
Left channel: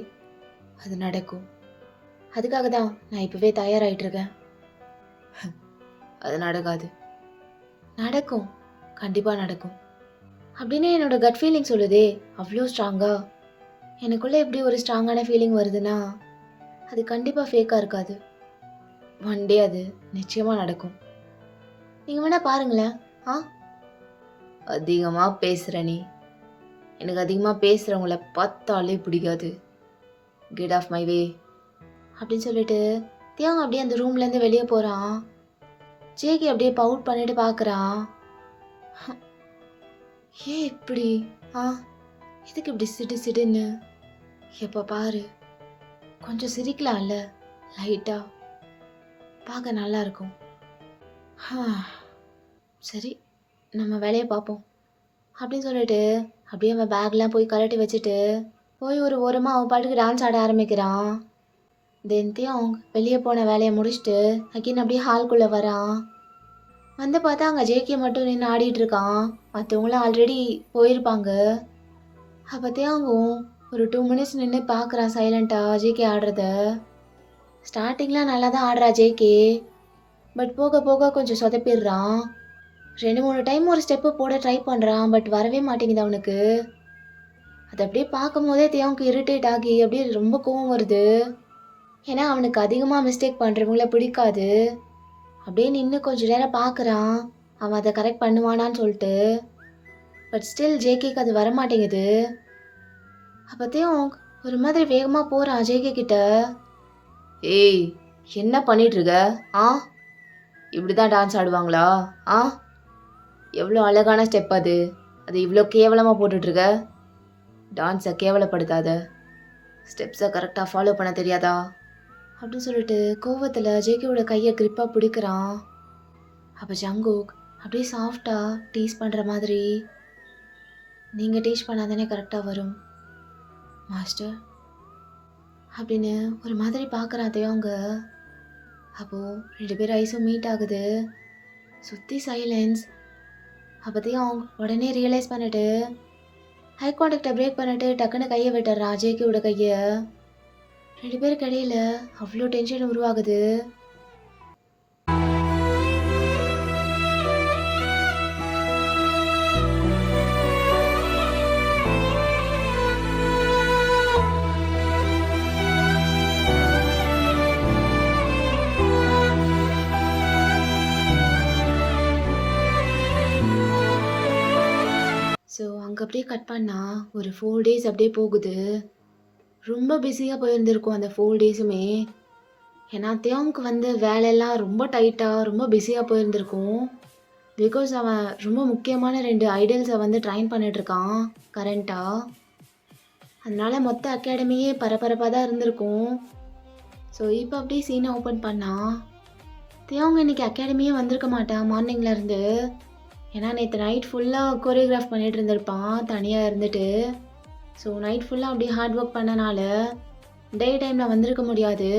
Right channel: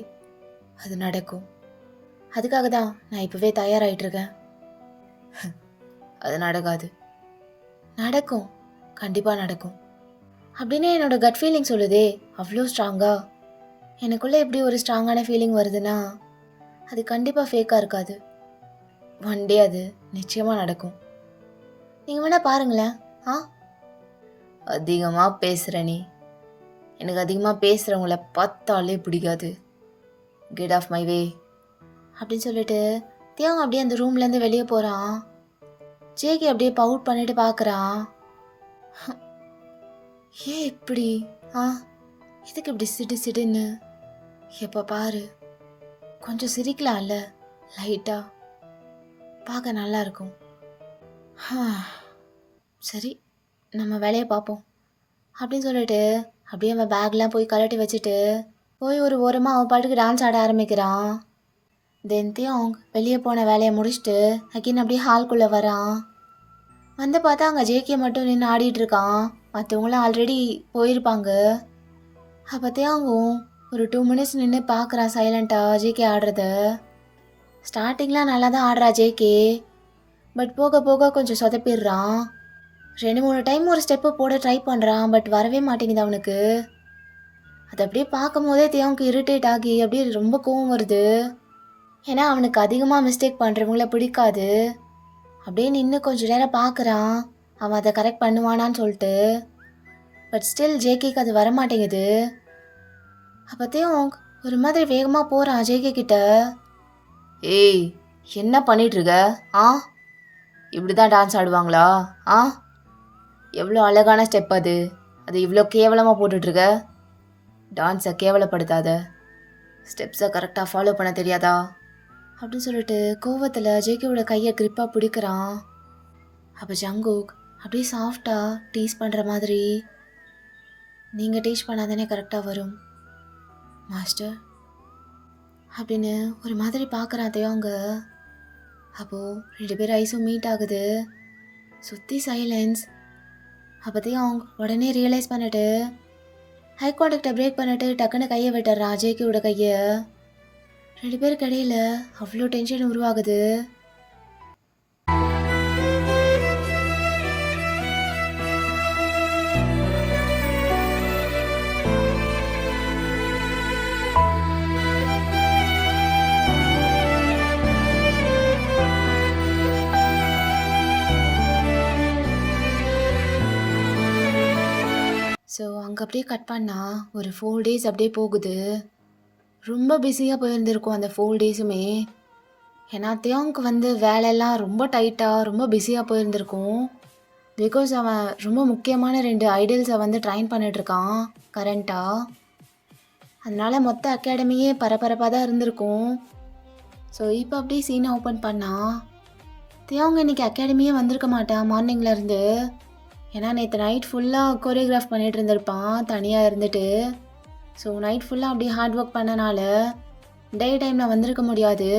அது நடக்கும். அதுக்காக தான் நான் இப்போவே தயாராகிட்டுருக்கேன். அது நடக்காது. நடக்கும், கண்டிப்பாக நடக்கும் அப்படின்னு என்னோட கட் ஃபீலிங் சொல்லுதே. அவ்வளோ ஸ்ட்ராங்கா எனக்குள்ளே எப்படி ஒரு ஸ்ட்ராங்கான ஃபீலிங் வருதுன்னா அது கண்டிப்பாக ஃபேக்காக இருக்காது. ஒன் டே அது நிச்சயமாக நடக்கும். நீங்கள் வேணால் பாருங்களேன். அதிகமாக பேசுகிற நீ. எனக்கு அதிகமாக பேசுகிறவங்கள பார்த்தாலே பிடிக்காது. கெட் ஆஃப் மை வே அப்படின்னு சொல்லிட்டு தியாங் அப்படியே அந்த ரூம்லேருந்து வெளியே போகிறான். ஜேகே அப்படியே பவுட் பண்ணிட்டு பார்க்குறான். ஏன் இப்படி எதுக்கு இப்படி சிடுன்னு? எப்போ பாரு கொஞ்சம் சிரிக்கலாம்ல, லைட்டாக பார்க்க நல்லா இருக்கும். சரி, நம்ம வேலையை பார்ப்போம் அப்படின்னு சொல்லிட்டு அப்படியே அவன் பேக்லாம் போய் கலட்டி வச்சுட்டு போய் ஒரு ஓரமாக அவன் பாட்டுக்கு டான்ஸ் ஆட ஆரம்பிக்கிறான். தென் தியாங் வெளியே போன வேலையை முடிச்சுட்டு அகெயின் அப்படியே ஹால்குள்ளே வரான். வந்து பார்த்தா அங்கே ஜேகே மட்டும் நின்று ஆடிட்டுருக்கான். மற்றவங்களாம் ஆல்ரெடி போயிருப்பாங்க. அப்போ தியாங்கும் ஒரு 2 மினிட்ஸ் நின்று பார்க்குறான் சைலண்ட்டாக ஜேகே ஆடுறத. ஸ்டார்டிங்லாம் நல்லா தான் ஆடுறா ஜேகே, பட் போக போக கொஞ்சம் சொதப்பிடுறான். 2-3 டைம் ஒரு ஸ்டெப்பு போட ட்ரை பண்ணுறான், பட் வரவே மாட்டேங்குது அவனுக்கு. அதை அப்படியே பார்க்கும் போதே தியாங்க்கு இரிட்டேட் ஆகி அப்படியே ரொம்ப கோவம் வருது. ஏன்னா அவனுக்கு அதிகமாக மிஸ்டேக் பண்ணுறவங்கள பிடிக்காது. அப்படியே நின்று கொஞ்சம் நேரம் பார்க்குறான் அவன் அதை கரெக்ட் பண்ணுவானான்னு சொல்லிட்டு. பட் ஸ்டில் ஜேகேக்கு அது வரமாட்டேங்குது. அப்போத்தையும் ஒரு மாதிரி வேகமாக போகிறான் ஜேகே கிட்ட. ஏய், என்ன பண்ணிகிட்ருக்க? இப்படி தான் டான்ஸ் ஆடுவாங்களா? எவ்வளோ அழகான ஸ்டெப் அது இவ்வளோ கேவலமாக போட்டுட்ருக்க. டான்ஸை கேவலப்படுத்தாத, ஸ்டெப்ஸை கரெக்டாக ஃபாலோ பண்ண தெரியாதா அப்படின்னு சொல்லிட்டு கோவத்தில் ஜேகேவோட கையை கிரிப்பாக பிடிக்கிறான். அப்போ ஜங்குக் அப்படியே சாஃப்டாக டீஸ் பண்ணுற மாதிரி, நீங்கள் டீச் பண்ணாதானே கரெக்டாக வரும் மாஸ்டர் அப்படின்னு ஒரு மாதிரி பார்க்குறான் தியாங்க. அப்போது 2 பேர் ஐஸும் மீட் ஆகுது. சுற்றி சைலன்ஸ். அப்போ தியாங் உடனே ரியலைஸ் பண்ணிட்டு ஹை கான்டாக்டை பிரேக் பண்ணிட்டு டக்குன்னு கையை விட்டுறான் ஜேகேவோட கையை. 2 பேருக்கு இடையில அவ்வளோ டென்ஷன் உருவாகுது. ஸோ அங்கே அப்படியே கட் பண்ணால் ஒரு 4 டேஸ் அப்படியே போகுது. ரொம்ப பிஸியாக போயிருந்திருக்கும் அந்த 4 டேஸுமே. ஏன்னா தியாங்க்கு வந்து வேலையெல்லாம் ரொம்ப டைட்டாக ரொம்ப பிஸியாக போயிருந்திருக்கும். பிகாஸ் அவன் ரொம்ப முக்கியமான 2 ஐடல்ஸை வந்து ட்ரைன் பண்ணிகிட்ருக்கான் கரண்ட்டாக. அதனால் மொத்த அகாடமியே பரபரப்பாக தான் இருந்திருக்கும். ஸோ இப்போ அப்படியே சீனை ஓப்பன் பண்ணால் தியாங் இன்றைக்கி அகாடமியே வந்திருக்க மாட்டான் மார்னிங்லேருந்து. ஏன்னா நேற்று நைட் ஃபுல்லாக கோரியோகிராஃப் பண்ணிகிட்டு இருந்திருப்பான் தனியாக இருந்துட்டு. ஸோ நைட் ஃபுல்லாக அப்படியே ஹார்ட் ஒர்க் பண்ணனால டே டைமில் வந்திருக்க முடியாது.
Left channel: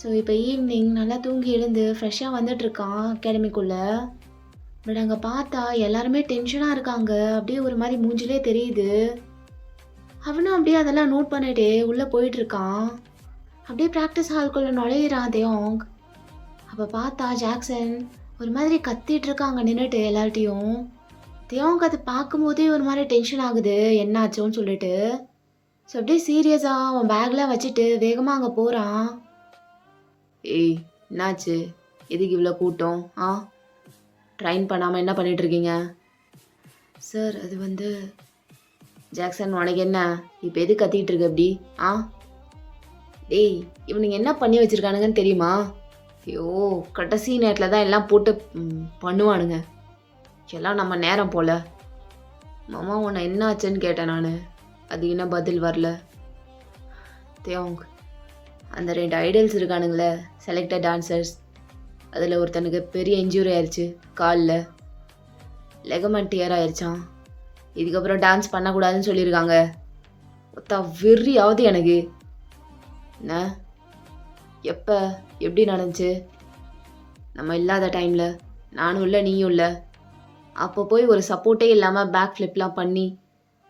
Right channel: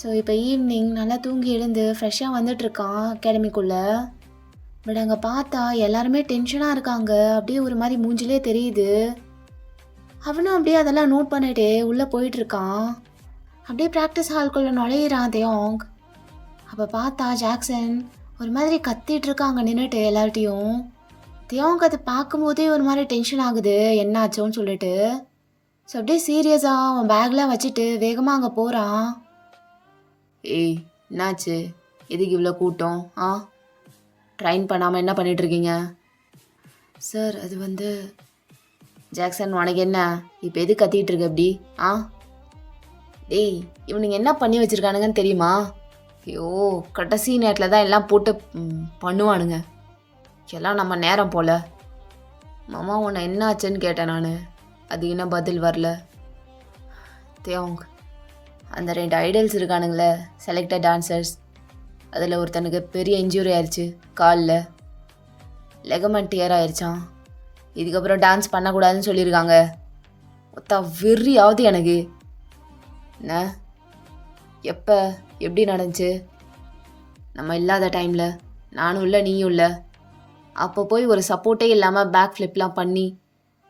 ஸோ இப்போ ஈவினிங் நல்லா தூங்கி எழுந்து ஃப்ரெஷ்ஷாக வந்துட்டுருக்கான் அகாடமிக்குள்ளே. பட் அங்கே பார்த்தா எல்லாருமே டென்ஷனாக இருக்காங்க. அப்படியே ஒரு மாதிரி மூஞ்சிலே தெரியுது. அவனும் அப்படியே அதெல்லாம் நோட் பண்ணிட்டே உள்ளே போயிட்டுருக்கான். அப்படியே ப்ராக்டிஸ் ஹால்குள்ளே நுழையிறான் தியாங். அப்போ பார்த்தா ஜாக்சன் ஒரு மாதிரி கத்திட்டு இருக்காங்க நின்றுட்டு எல்லார்ட்டையும். தியாவுக்கு அதை பார்க்கும்போதே ஒரு மாதிரி டென்ஷன் ஆகுது என்ன ஆச்சோன்னு சொல்லிட்டு. ஸோ அப்படியே சீரியஸாக அவன் பேக்லாம் வச்சுட்டு வேகமாக அங்கே போகிறான். ஏய் என்னாச்சு, எதுக்கு இவ்வளோ கூட்டம்? ட்ரைன் பண்ணாமல் என்ன பண்ணிட்டு இருக்கீங்க? சார் அது வந்து ஜாக்சன் உனக்கு என்ன இப்போ எது கத்திட்டு இருக்க அப்படி? டேய் இவனுங்க என்ன பண்ணி வச்சிருக்கானுங்கன்னு தெரியுமா? ஐயோ கடைசி நேரத்தில் தான் எல்லாம் போட்டு பண்ணுவானுங்க. எல்லாம் நம்ம நேரம் போல. மாமா உன்னை என்ன ஆச்சுன்னு கேட்டேன் நான். அது இன்னும் பதில் வரல. தேவங் அந்த 2 ஐடல்ஸ் இருக்கானுங்களே செலக்டட் டான்சர்ஸ், அதில் ஒருத்தனுக்கு பெரிய இன்ஜூரி ஆயிடுச்சு காலில். லெகமெண்ட் டியர் ஆயிடுச்சான். இதுக்கப்புறம் டான்ஸ் பண்ணக்கூடாதுன்னு சொல்லியிருக்காங்க. ஒத்தா வெறியாவது எனக்கு. என்ன எப்போ எப்படி நடந்துச்சு? நம்ம இல்லாத டைமில் நானும் இல்லை நீயும் இல்லை. அப்போ போய் ஒரு சப்போர்ட்டே இல்லாமல் பேக் ஃப்ளிப்லாம் பண்ணி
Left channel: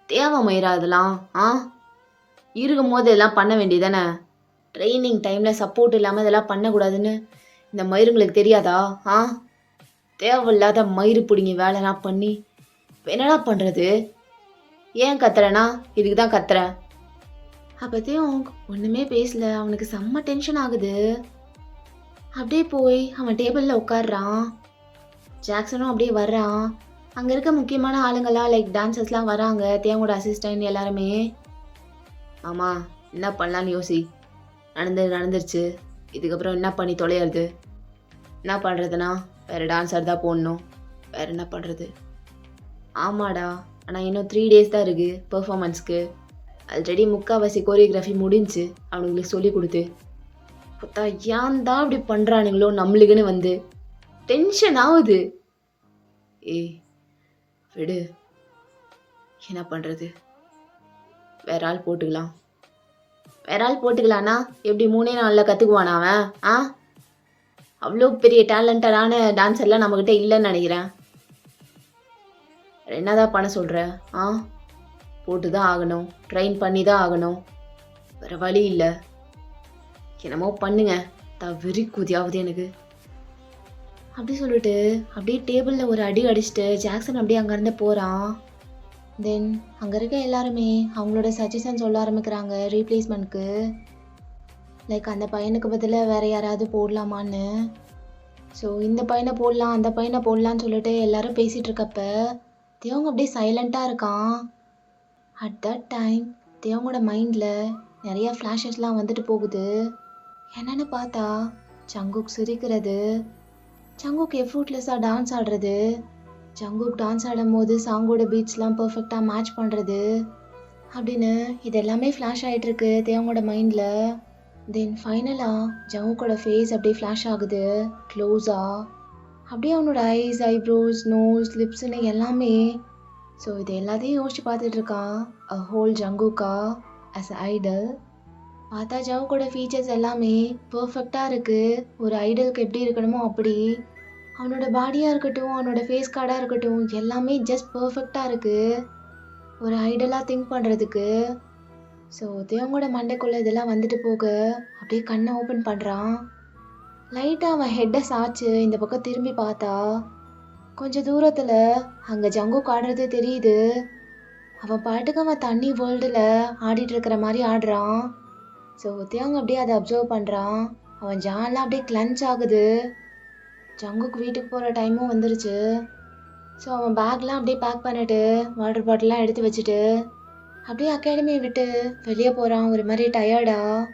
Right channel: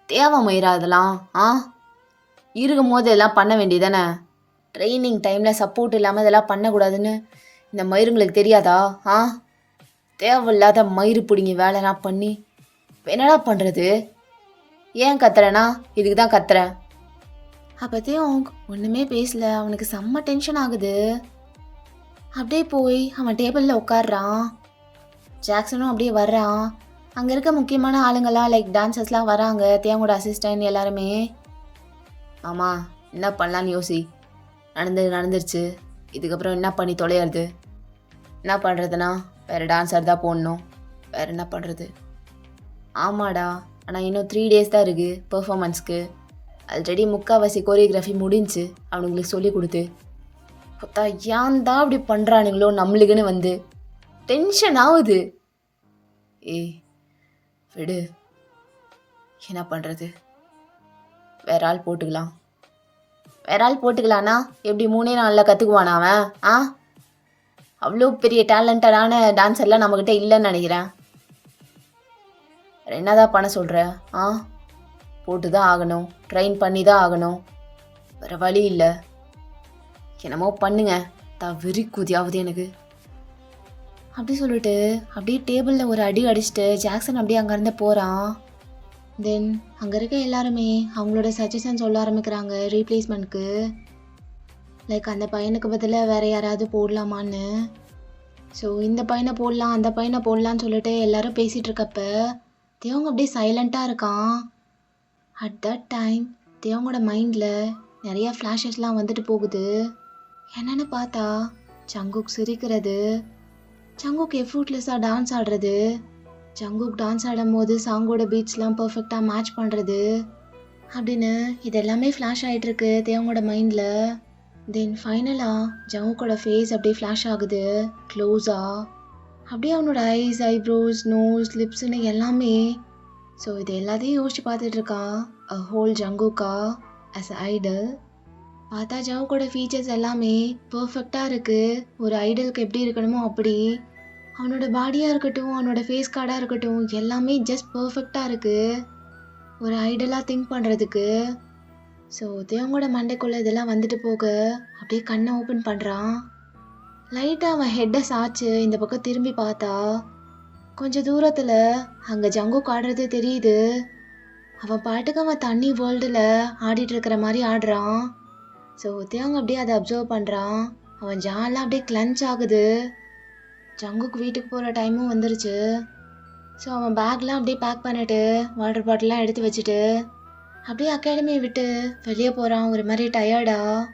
தேவை மயிரா அதெல்லாம்? இருக்கும் போது இதெல்லாம் பண்ண வேண்டியதானே? ட்ரைனிங் டைமில் சப்போர்ட் இல்லாமல் இதெல்லாம் பண்ணக்கூடாதுன்னு இந்த மயிருங்களுக்கு தெரியாதா? தேவையில்லாத மயிறு பிடிங்க வேலைலாம் பண்ணி இப்போ என்னடா பண்ணுறது? ஏன் கத்துறேன்னா இதுக்கு தான் கத்துறேன். அப்போத்தையும் ஒன்றுமே பேசல. அவனுக்கு செம்ம டென்ஷன் ஆகுது. அப்படியே போய் அவன் டேபிளில் உட்காடுறான். ஜாக்சனும் அப்படியே வர்றான். அங்கே இருக்க முக்கியமான ஆளுங்கள்லாம் லைக் டான்சர்ஸ்லாம் வராங்க. தேவோட அசிஸ்டன்ட் எல்லாருமே. ஆமாம் என்ன பண்ணலான்னு யோசி. நடந்துருச்சு. இதுக்கப்புறம் என்ன பண்ணி தொலையிறது? என்ன பண்ணுறதுனா வேறு டான்ஸர் தான் போடணும். வேறு என்ன பண்ணுறது? ஆமாடா, ஆனால் இன்னும் 3 days தான் இருக்குது பெர்ஃபார்மன்ஸ்க்கு. ஆல்ரெடி முக்கால்வாசி கோரியோகிராஃபி முடிஞ்சு அவனுங்களுக்கு சொல்லி கொடுத்து. பார்த்தா ஏன் தான் அப்படி பண்ணுறானுங்களோ நம்மளுக்குன்னு வந்து டென்ஷன் ஆகுது. ஏய் விடு, என்ன பண்ணுறது? வேற ஆள் போட்டுக்கலான்னா எப்படி 3 நாளில் கற்றுக்குவானா அவன்? அவ்வளோ பெரிய டேலண்டடான டான்ஸர்லாம் நம்மக்கிட்ட இல்லைன்னு நினைக்கிறேன். என்னதான் பண்ண சொல்கிற? போட்டு தான் ஆகணும், ட்ரெயின் பண்ணி தான் ஆகணும், வேறு வழி இல்லை. என்னமோ பண்ணுங்க, தான் வெறி கூதியாவது எனக்கு. அப்படி சொல்லிட்டு அப்படியே டேபிளில் ஒரு அடி அடிச்சுட்டு ஜாக்சன் அப்படியே அங்கேருந்து போகிறான். தென் அங்கே இருக்க எல்லாருமே அவங்களோட சஜஷன் சொல்ல ஆரம்பிக்கிறாங்க ரீப்ளேஸ்மெண்ட்க்கு. லைக் அந்த பையனுக்கு பதிலாக வேறு யாராவது போடலாமான்னு. ஸோ இந்த பையனை போடலாம் அந்த பையனை போடலான்னு சொல்லிட்டு எல்லாரும் பேசிகிட்டு இருக்கப்ப தேவங்க அப்படியே சைலண்ட்டாக இருக்கான். அட் தட் டைம் தேவங்களோட மைண்டில் நிறையா ஃப்ளாஷஸ்லாம் வந்துட்டு போகுது. என்னென்னு பார்த்தா ஜங்குக் சிரிக்கிறது, ஜங்குக் எஃபர்ட்லெஸ்ஸாக டான்ஸ் ஆடுறது, ஜங்குக் டான்ஸ் ஆடும் போது சாங்கோட பீட்ஸ்லாம் பர்ஃபெக்டாக மேட்ச் பண்ணுறது அப்படின்னு இது எல்லாமே ஃப்ளாஷ் ஆகிட்டுருக்கு தேவங்களோட மைண்டில். தென் ஃபைனலாக ஜங்குக்கோட ஃபேஸ் அப்படியே ஃப்ளாஷ் ஆகுது க்ளோஸாக. அப்படியே அவனோட ஐஸ், ஐப்ரோஸ், நோஸ், லிப்ஸ்ன்னு எல்லாமே. ஸோ இது எல்லாத்தையும் யோசிச்சு பார்த்துட்ருக்கான் அ ஹோல் ஜங்குக்கா ஆஸ் அ ஐடல். பார்த்தா ஜங்குக்கோட ஃபீச்சர்ஸ் எல்லாமே பர்ஃபெக்டாக இருக்குது. ஒரு ஐடலுக்கு எப்படி இருக்கணுமோ அப்படி. அவனோட பாடியாக இருக்கட்டும், அவனோட ஃபேஸ் கார்டாக இருக்கட்டும், எல்லாமே ஜஸ்ட் பர்ஃபெக்டாக இருக்குது ஒரு ஐடலாக திங்க் பண்ணுறதுக்கு. ஸோ தேவங்களோட மண்டைக்குள்ளே இதெல்லாம் வந்துட்டு போக அப்படியே கண்ணை ஓப்பன் பண்ணுறான். லைட்டாக அவன் ஹெட்டை சாய்ச்சு இந்த பக்கம் திரும்பி பார்த்தா கொஞ்சம் தூரத்தில் அங்கே ஜங்குக் ஆடுறதே தெரியுது. அவன் பாட்டுக்கு அவன் தண்ணி வேர்ல்டில் ஆடிட்டு இருக்கிற மாதிரி ஆடுறான். ஸோ தேவங்க அப்படியே அதை அப்சர்வ் பண்ணுறான். அவன் ஜான்லாம் அப்படியே கிளன்ச் ஆகுது. ஜங்குக் வீட்டுக்கு போகிற டைமும் வந்துருச்சு. ஸோ அவன் பேக்லாம் அப்படியே பேக் பண்ணிவிட்டு வாட்டர் பாட்டிலாம் எடுத்து வச்சுட்டு அப்படியே அகாடமியை விட்டு வெளியே போகிறான். ஒரு மாதிரி டயர்டாக.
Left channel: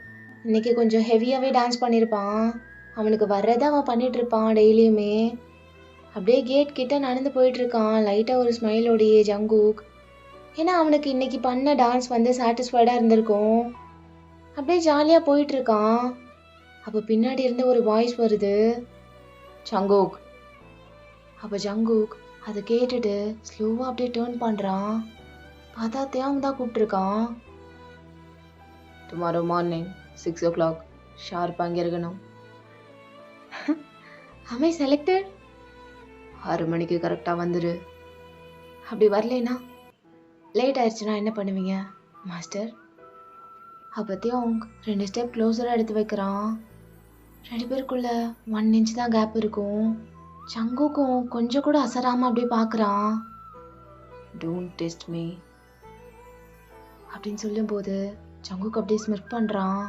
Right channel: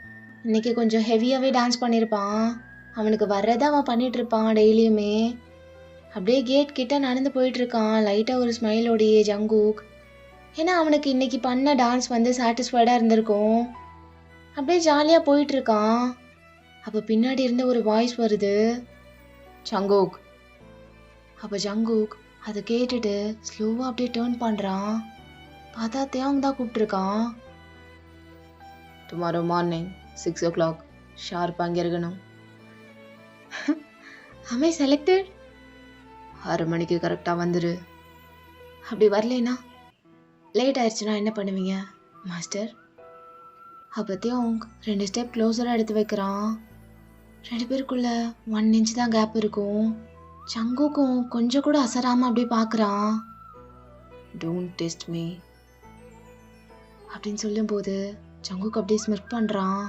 இன்றைக்கி கொஞ்சம் ஹெவியாகவே டான்ஸ் பண்ணியிருப்பான். அவனுக்கு வர்றதை அவன் பண்ணிகிட்ருப்பான் டெய்லியுமே. அப்படியே கேட் கிட்ட நடந்து போயிட்டுருக்கான் லைட்டாக ஒரு ஸ்மைலோடையே ஜங்குக். ஏன்னா அவனுக்கு இன்றைக்கி பண்ண டான்ஸ் வந்து சாட்டிஸ்ஃபைடாக இருந்திருக்கும். அப்படியே ஜாலியாக போயிட்டுருக்கான். அப்போ பின்னாடி இருந்து ஒரு வாய்ஸ் வருது, ஜங்குக். அப்போ ஜங்குக் அதை கேட்டுட்டு ஸ்லோவாக அப்படியே டேர்ன் பண்ணுறான். பார்த்தா தேவங்க தான் கூப்பிட்ருக்கான். டுமாரோ மார்னிங் 6 o'clock ஷார்ப் அங்கே இருக்கணும். அமை செலக்டட். 6 மணிக்கு கரெக்டாக வந்துடு. அப்படி வரலைன்னா லேட் ஆயிடுச்சுன்னா என்ன பண்ணுவீங்க மாஸ்டர்? அப்போத்தையும் அவங்க 2 ஸ்டெப் க்ளோஸராக எடுத்து வைக்கிறான். 2 பேருக்குள்ள 1 inch தான் கேப் இருக்கும். ஜங்குக்கும் கொஞ்சம் கூட அசராமல் அப்படியே பார்க்குறான். டோன்ட் டெஸ்ட் மீ அப்படின்னு சொல்லும்போது ஜங்குக் அப்படியே ஸ்மிர்க் பண்ணுறான்.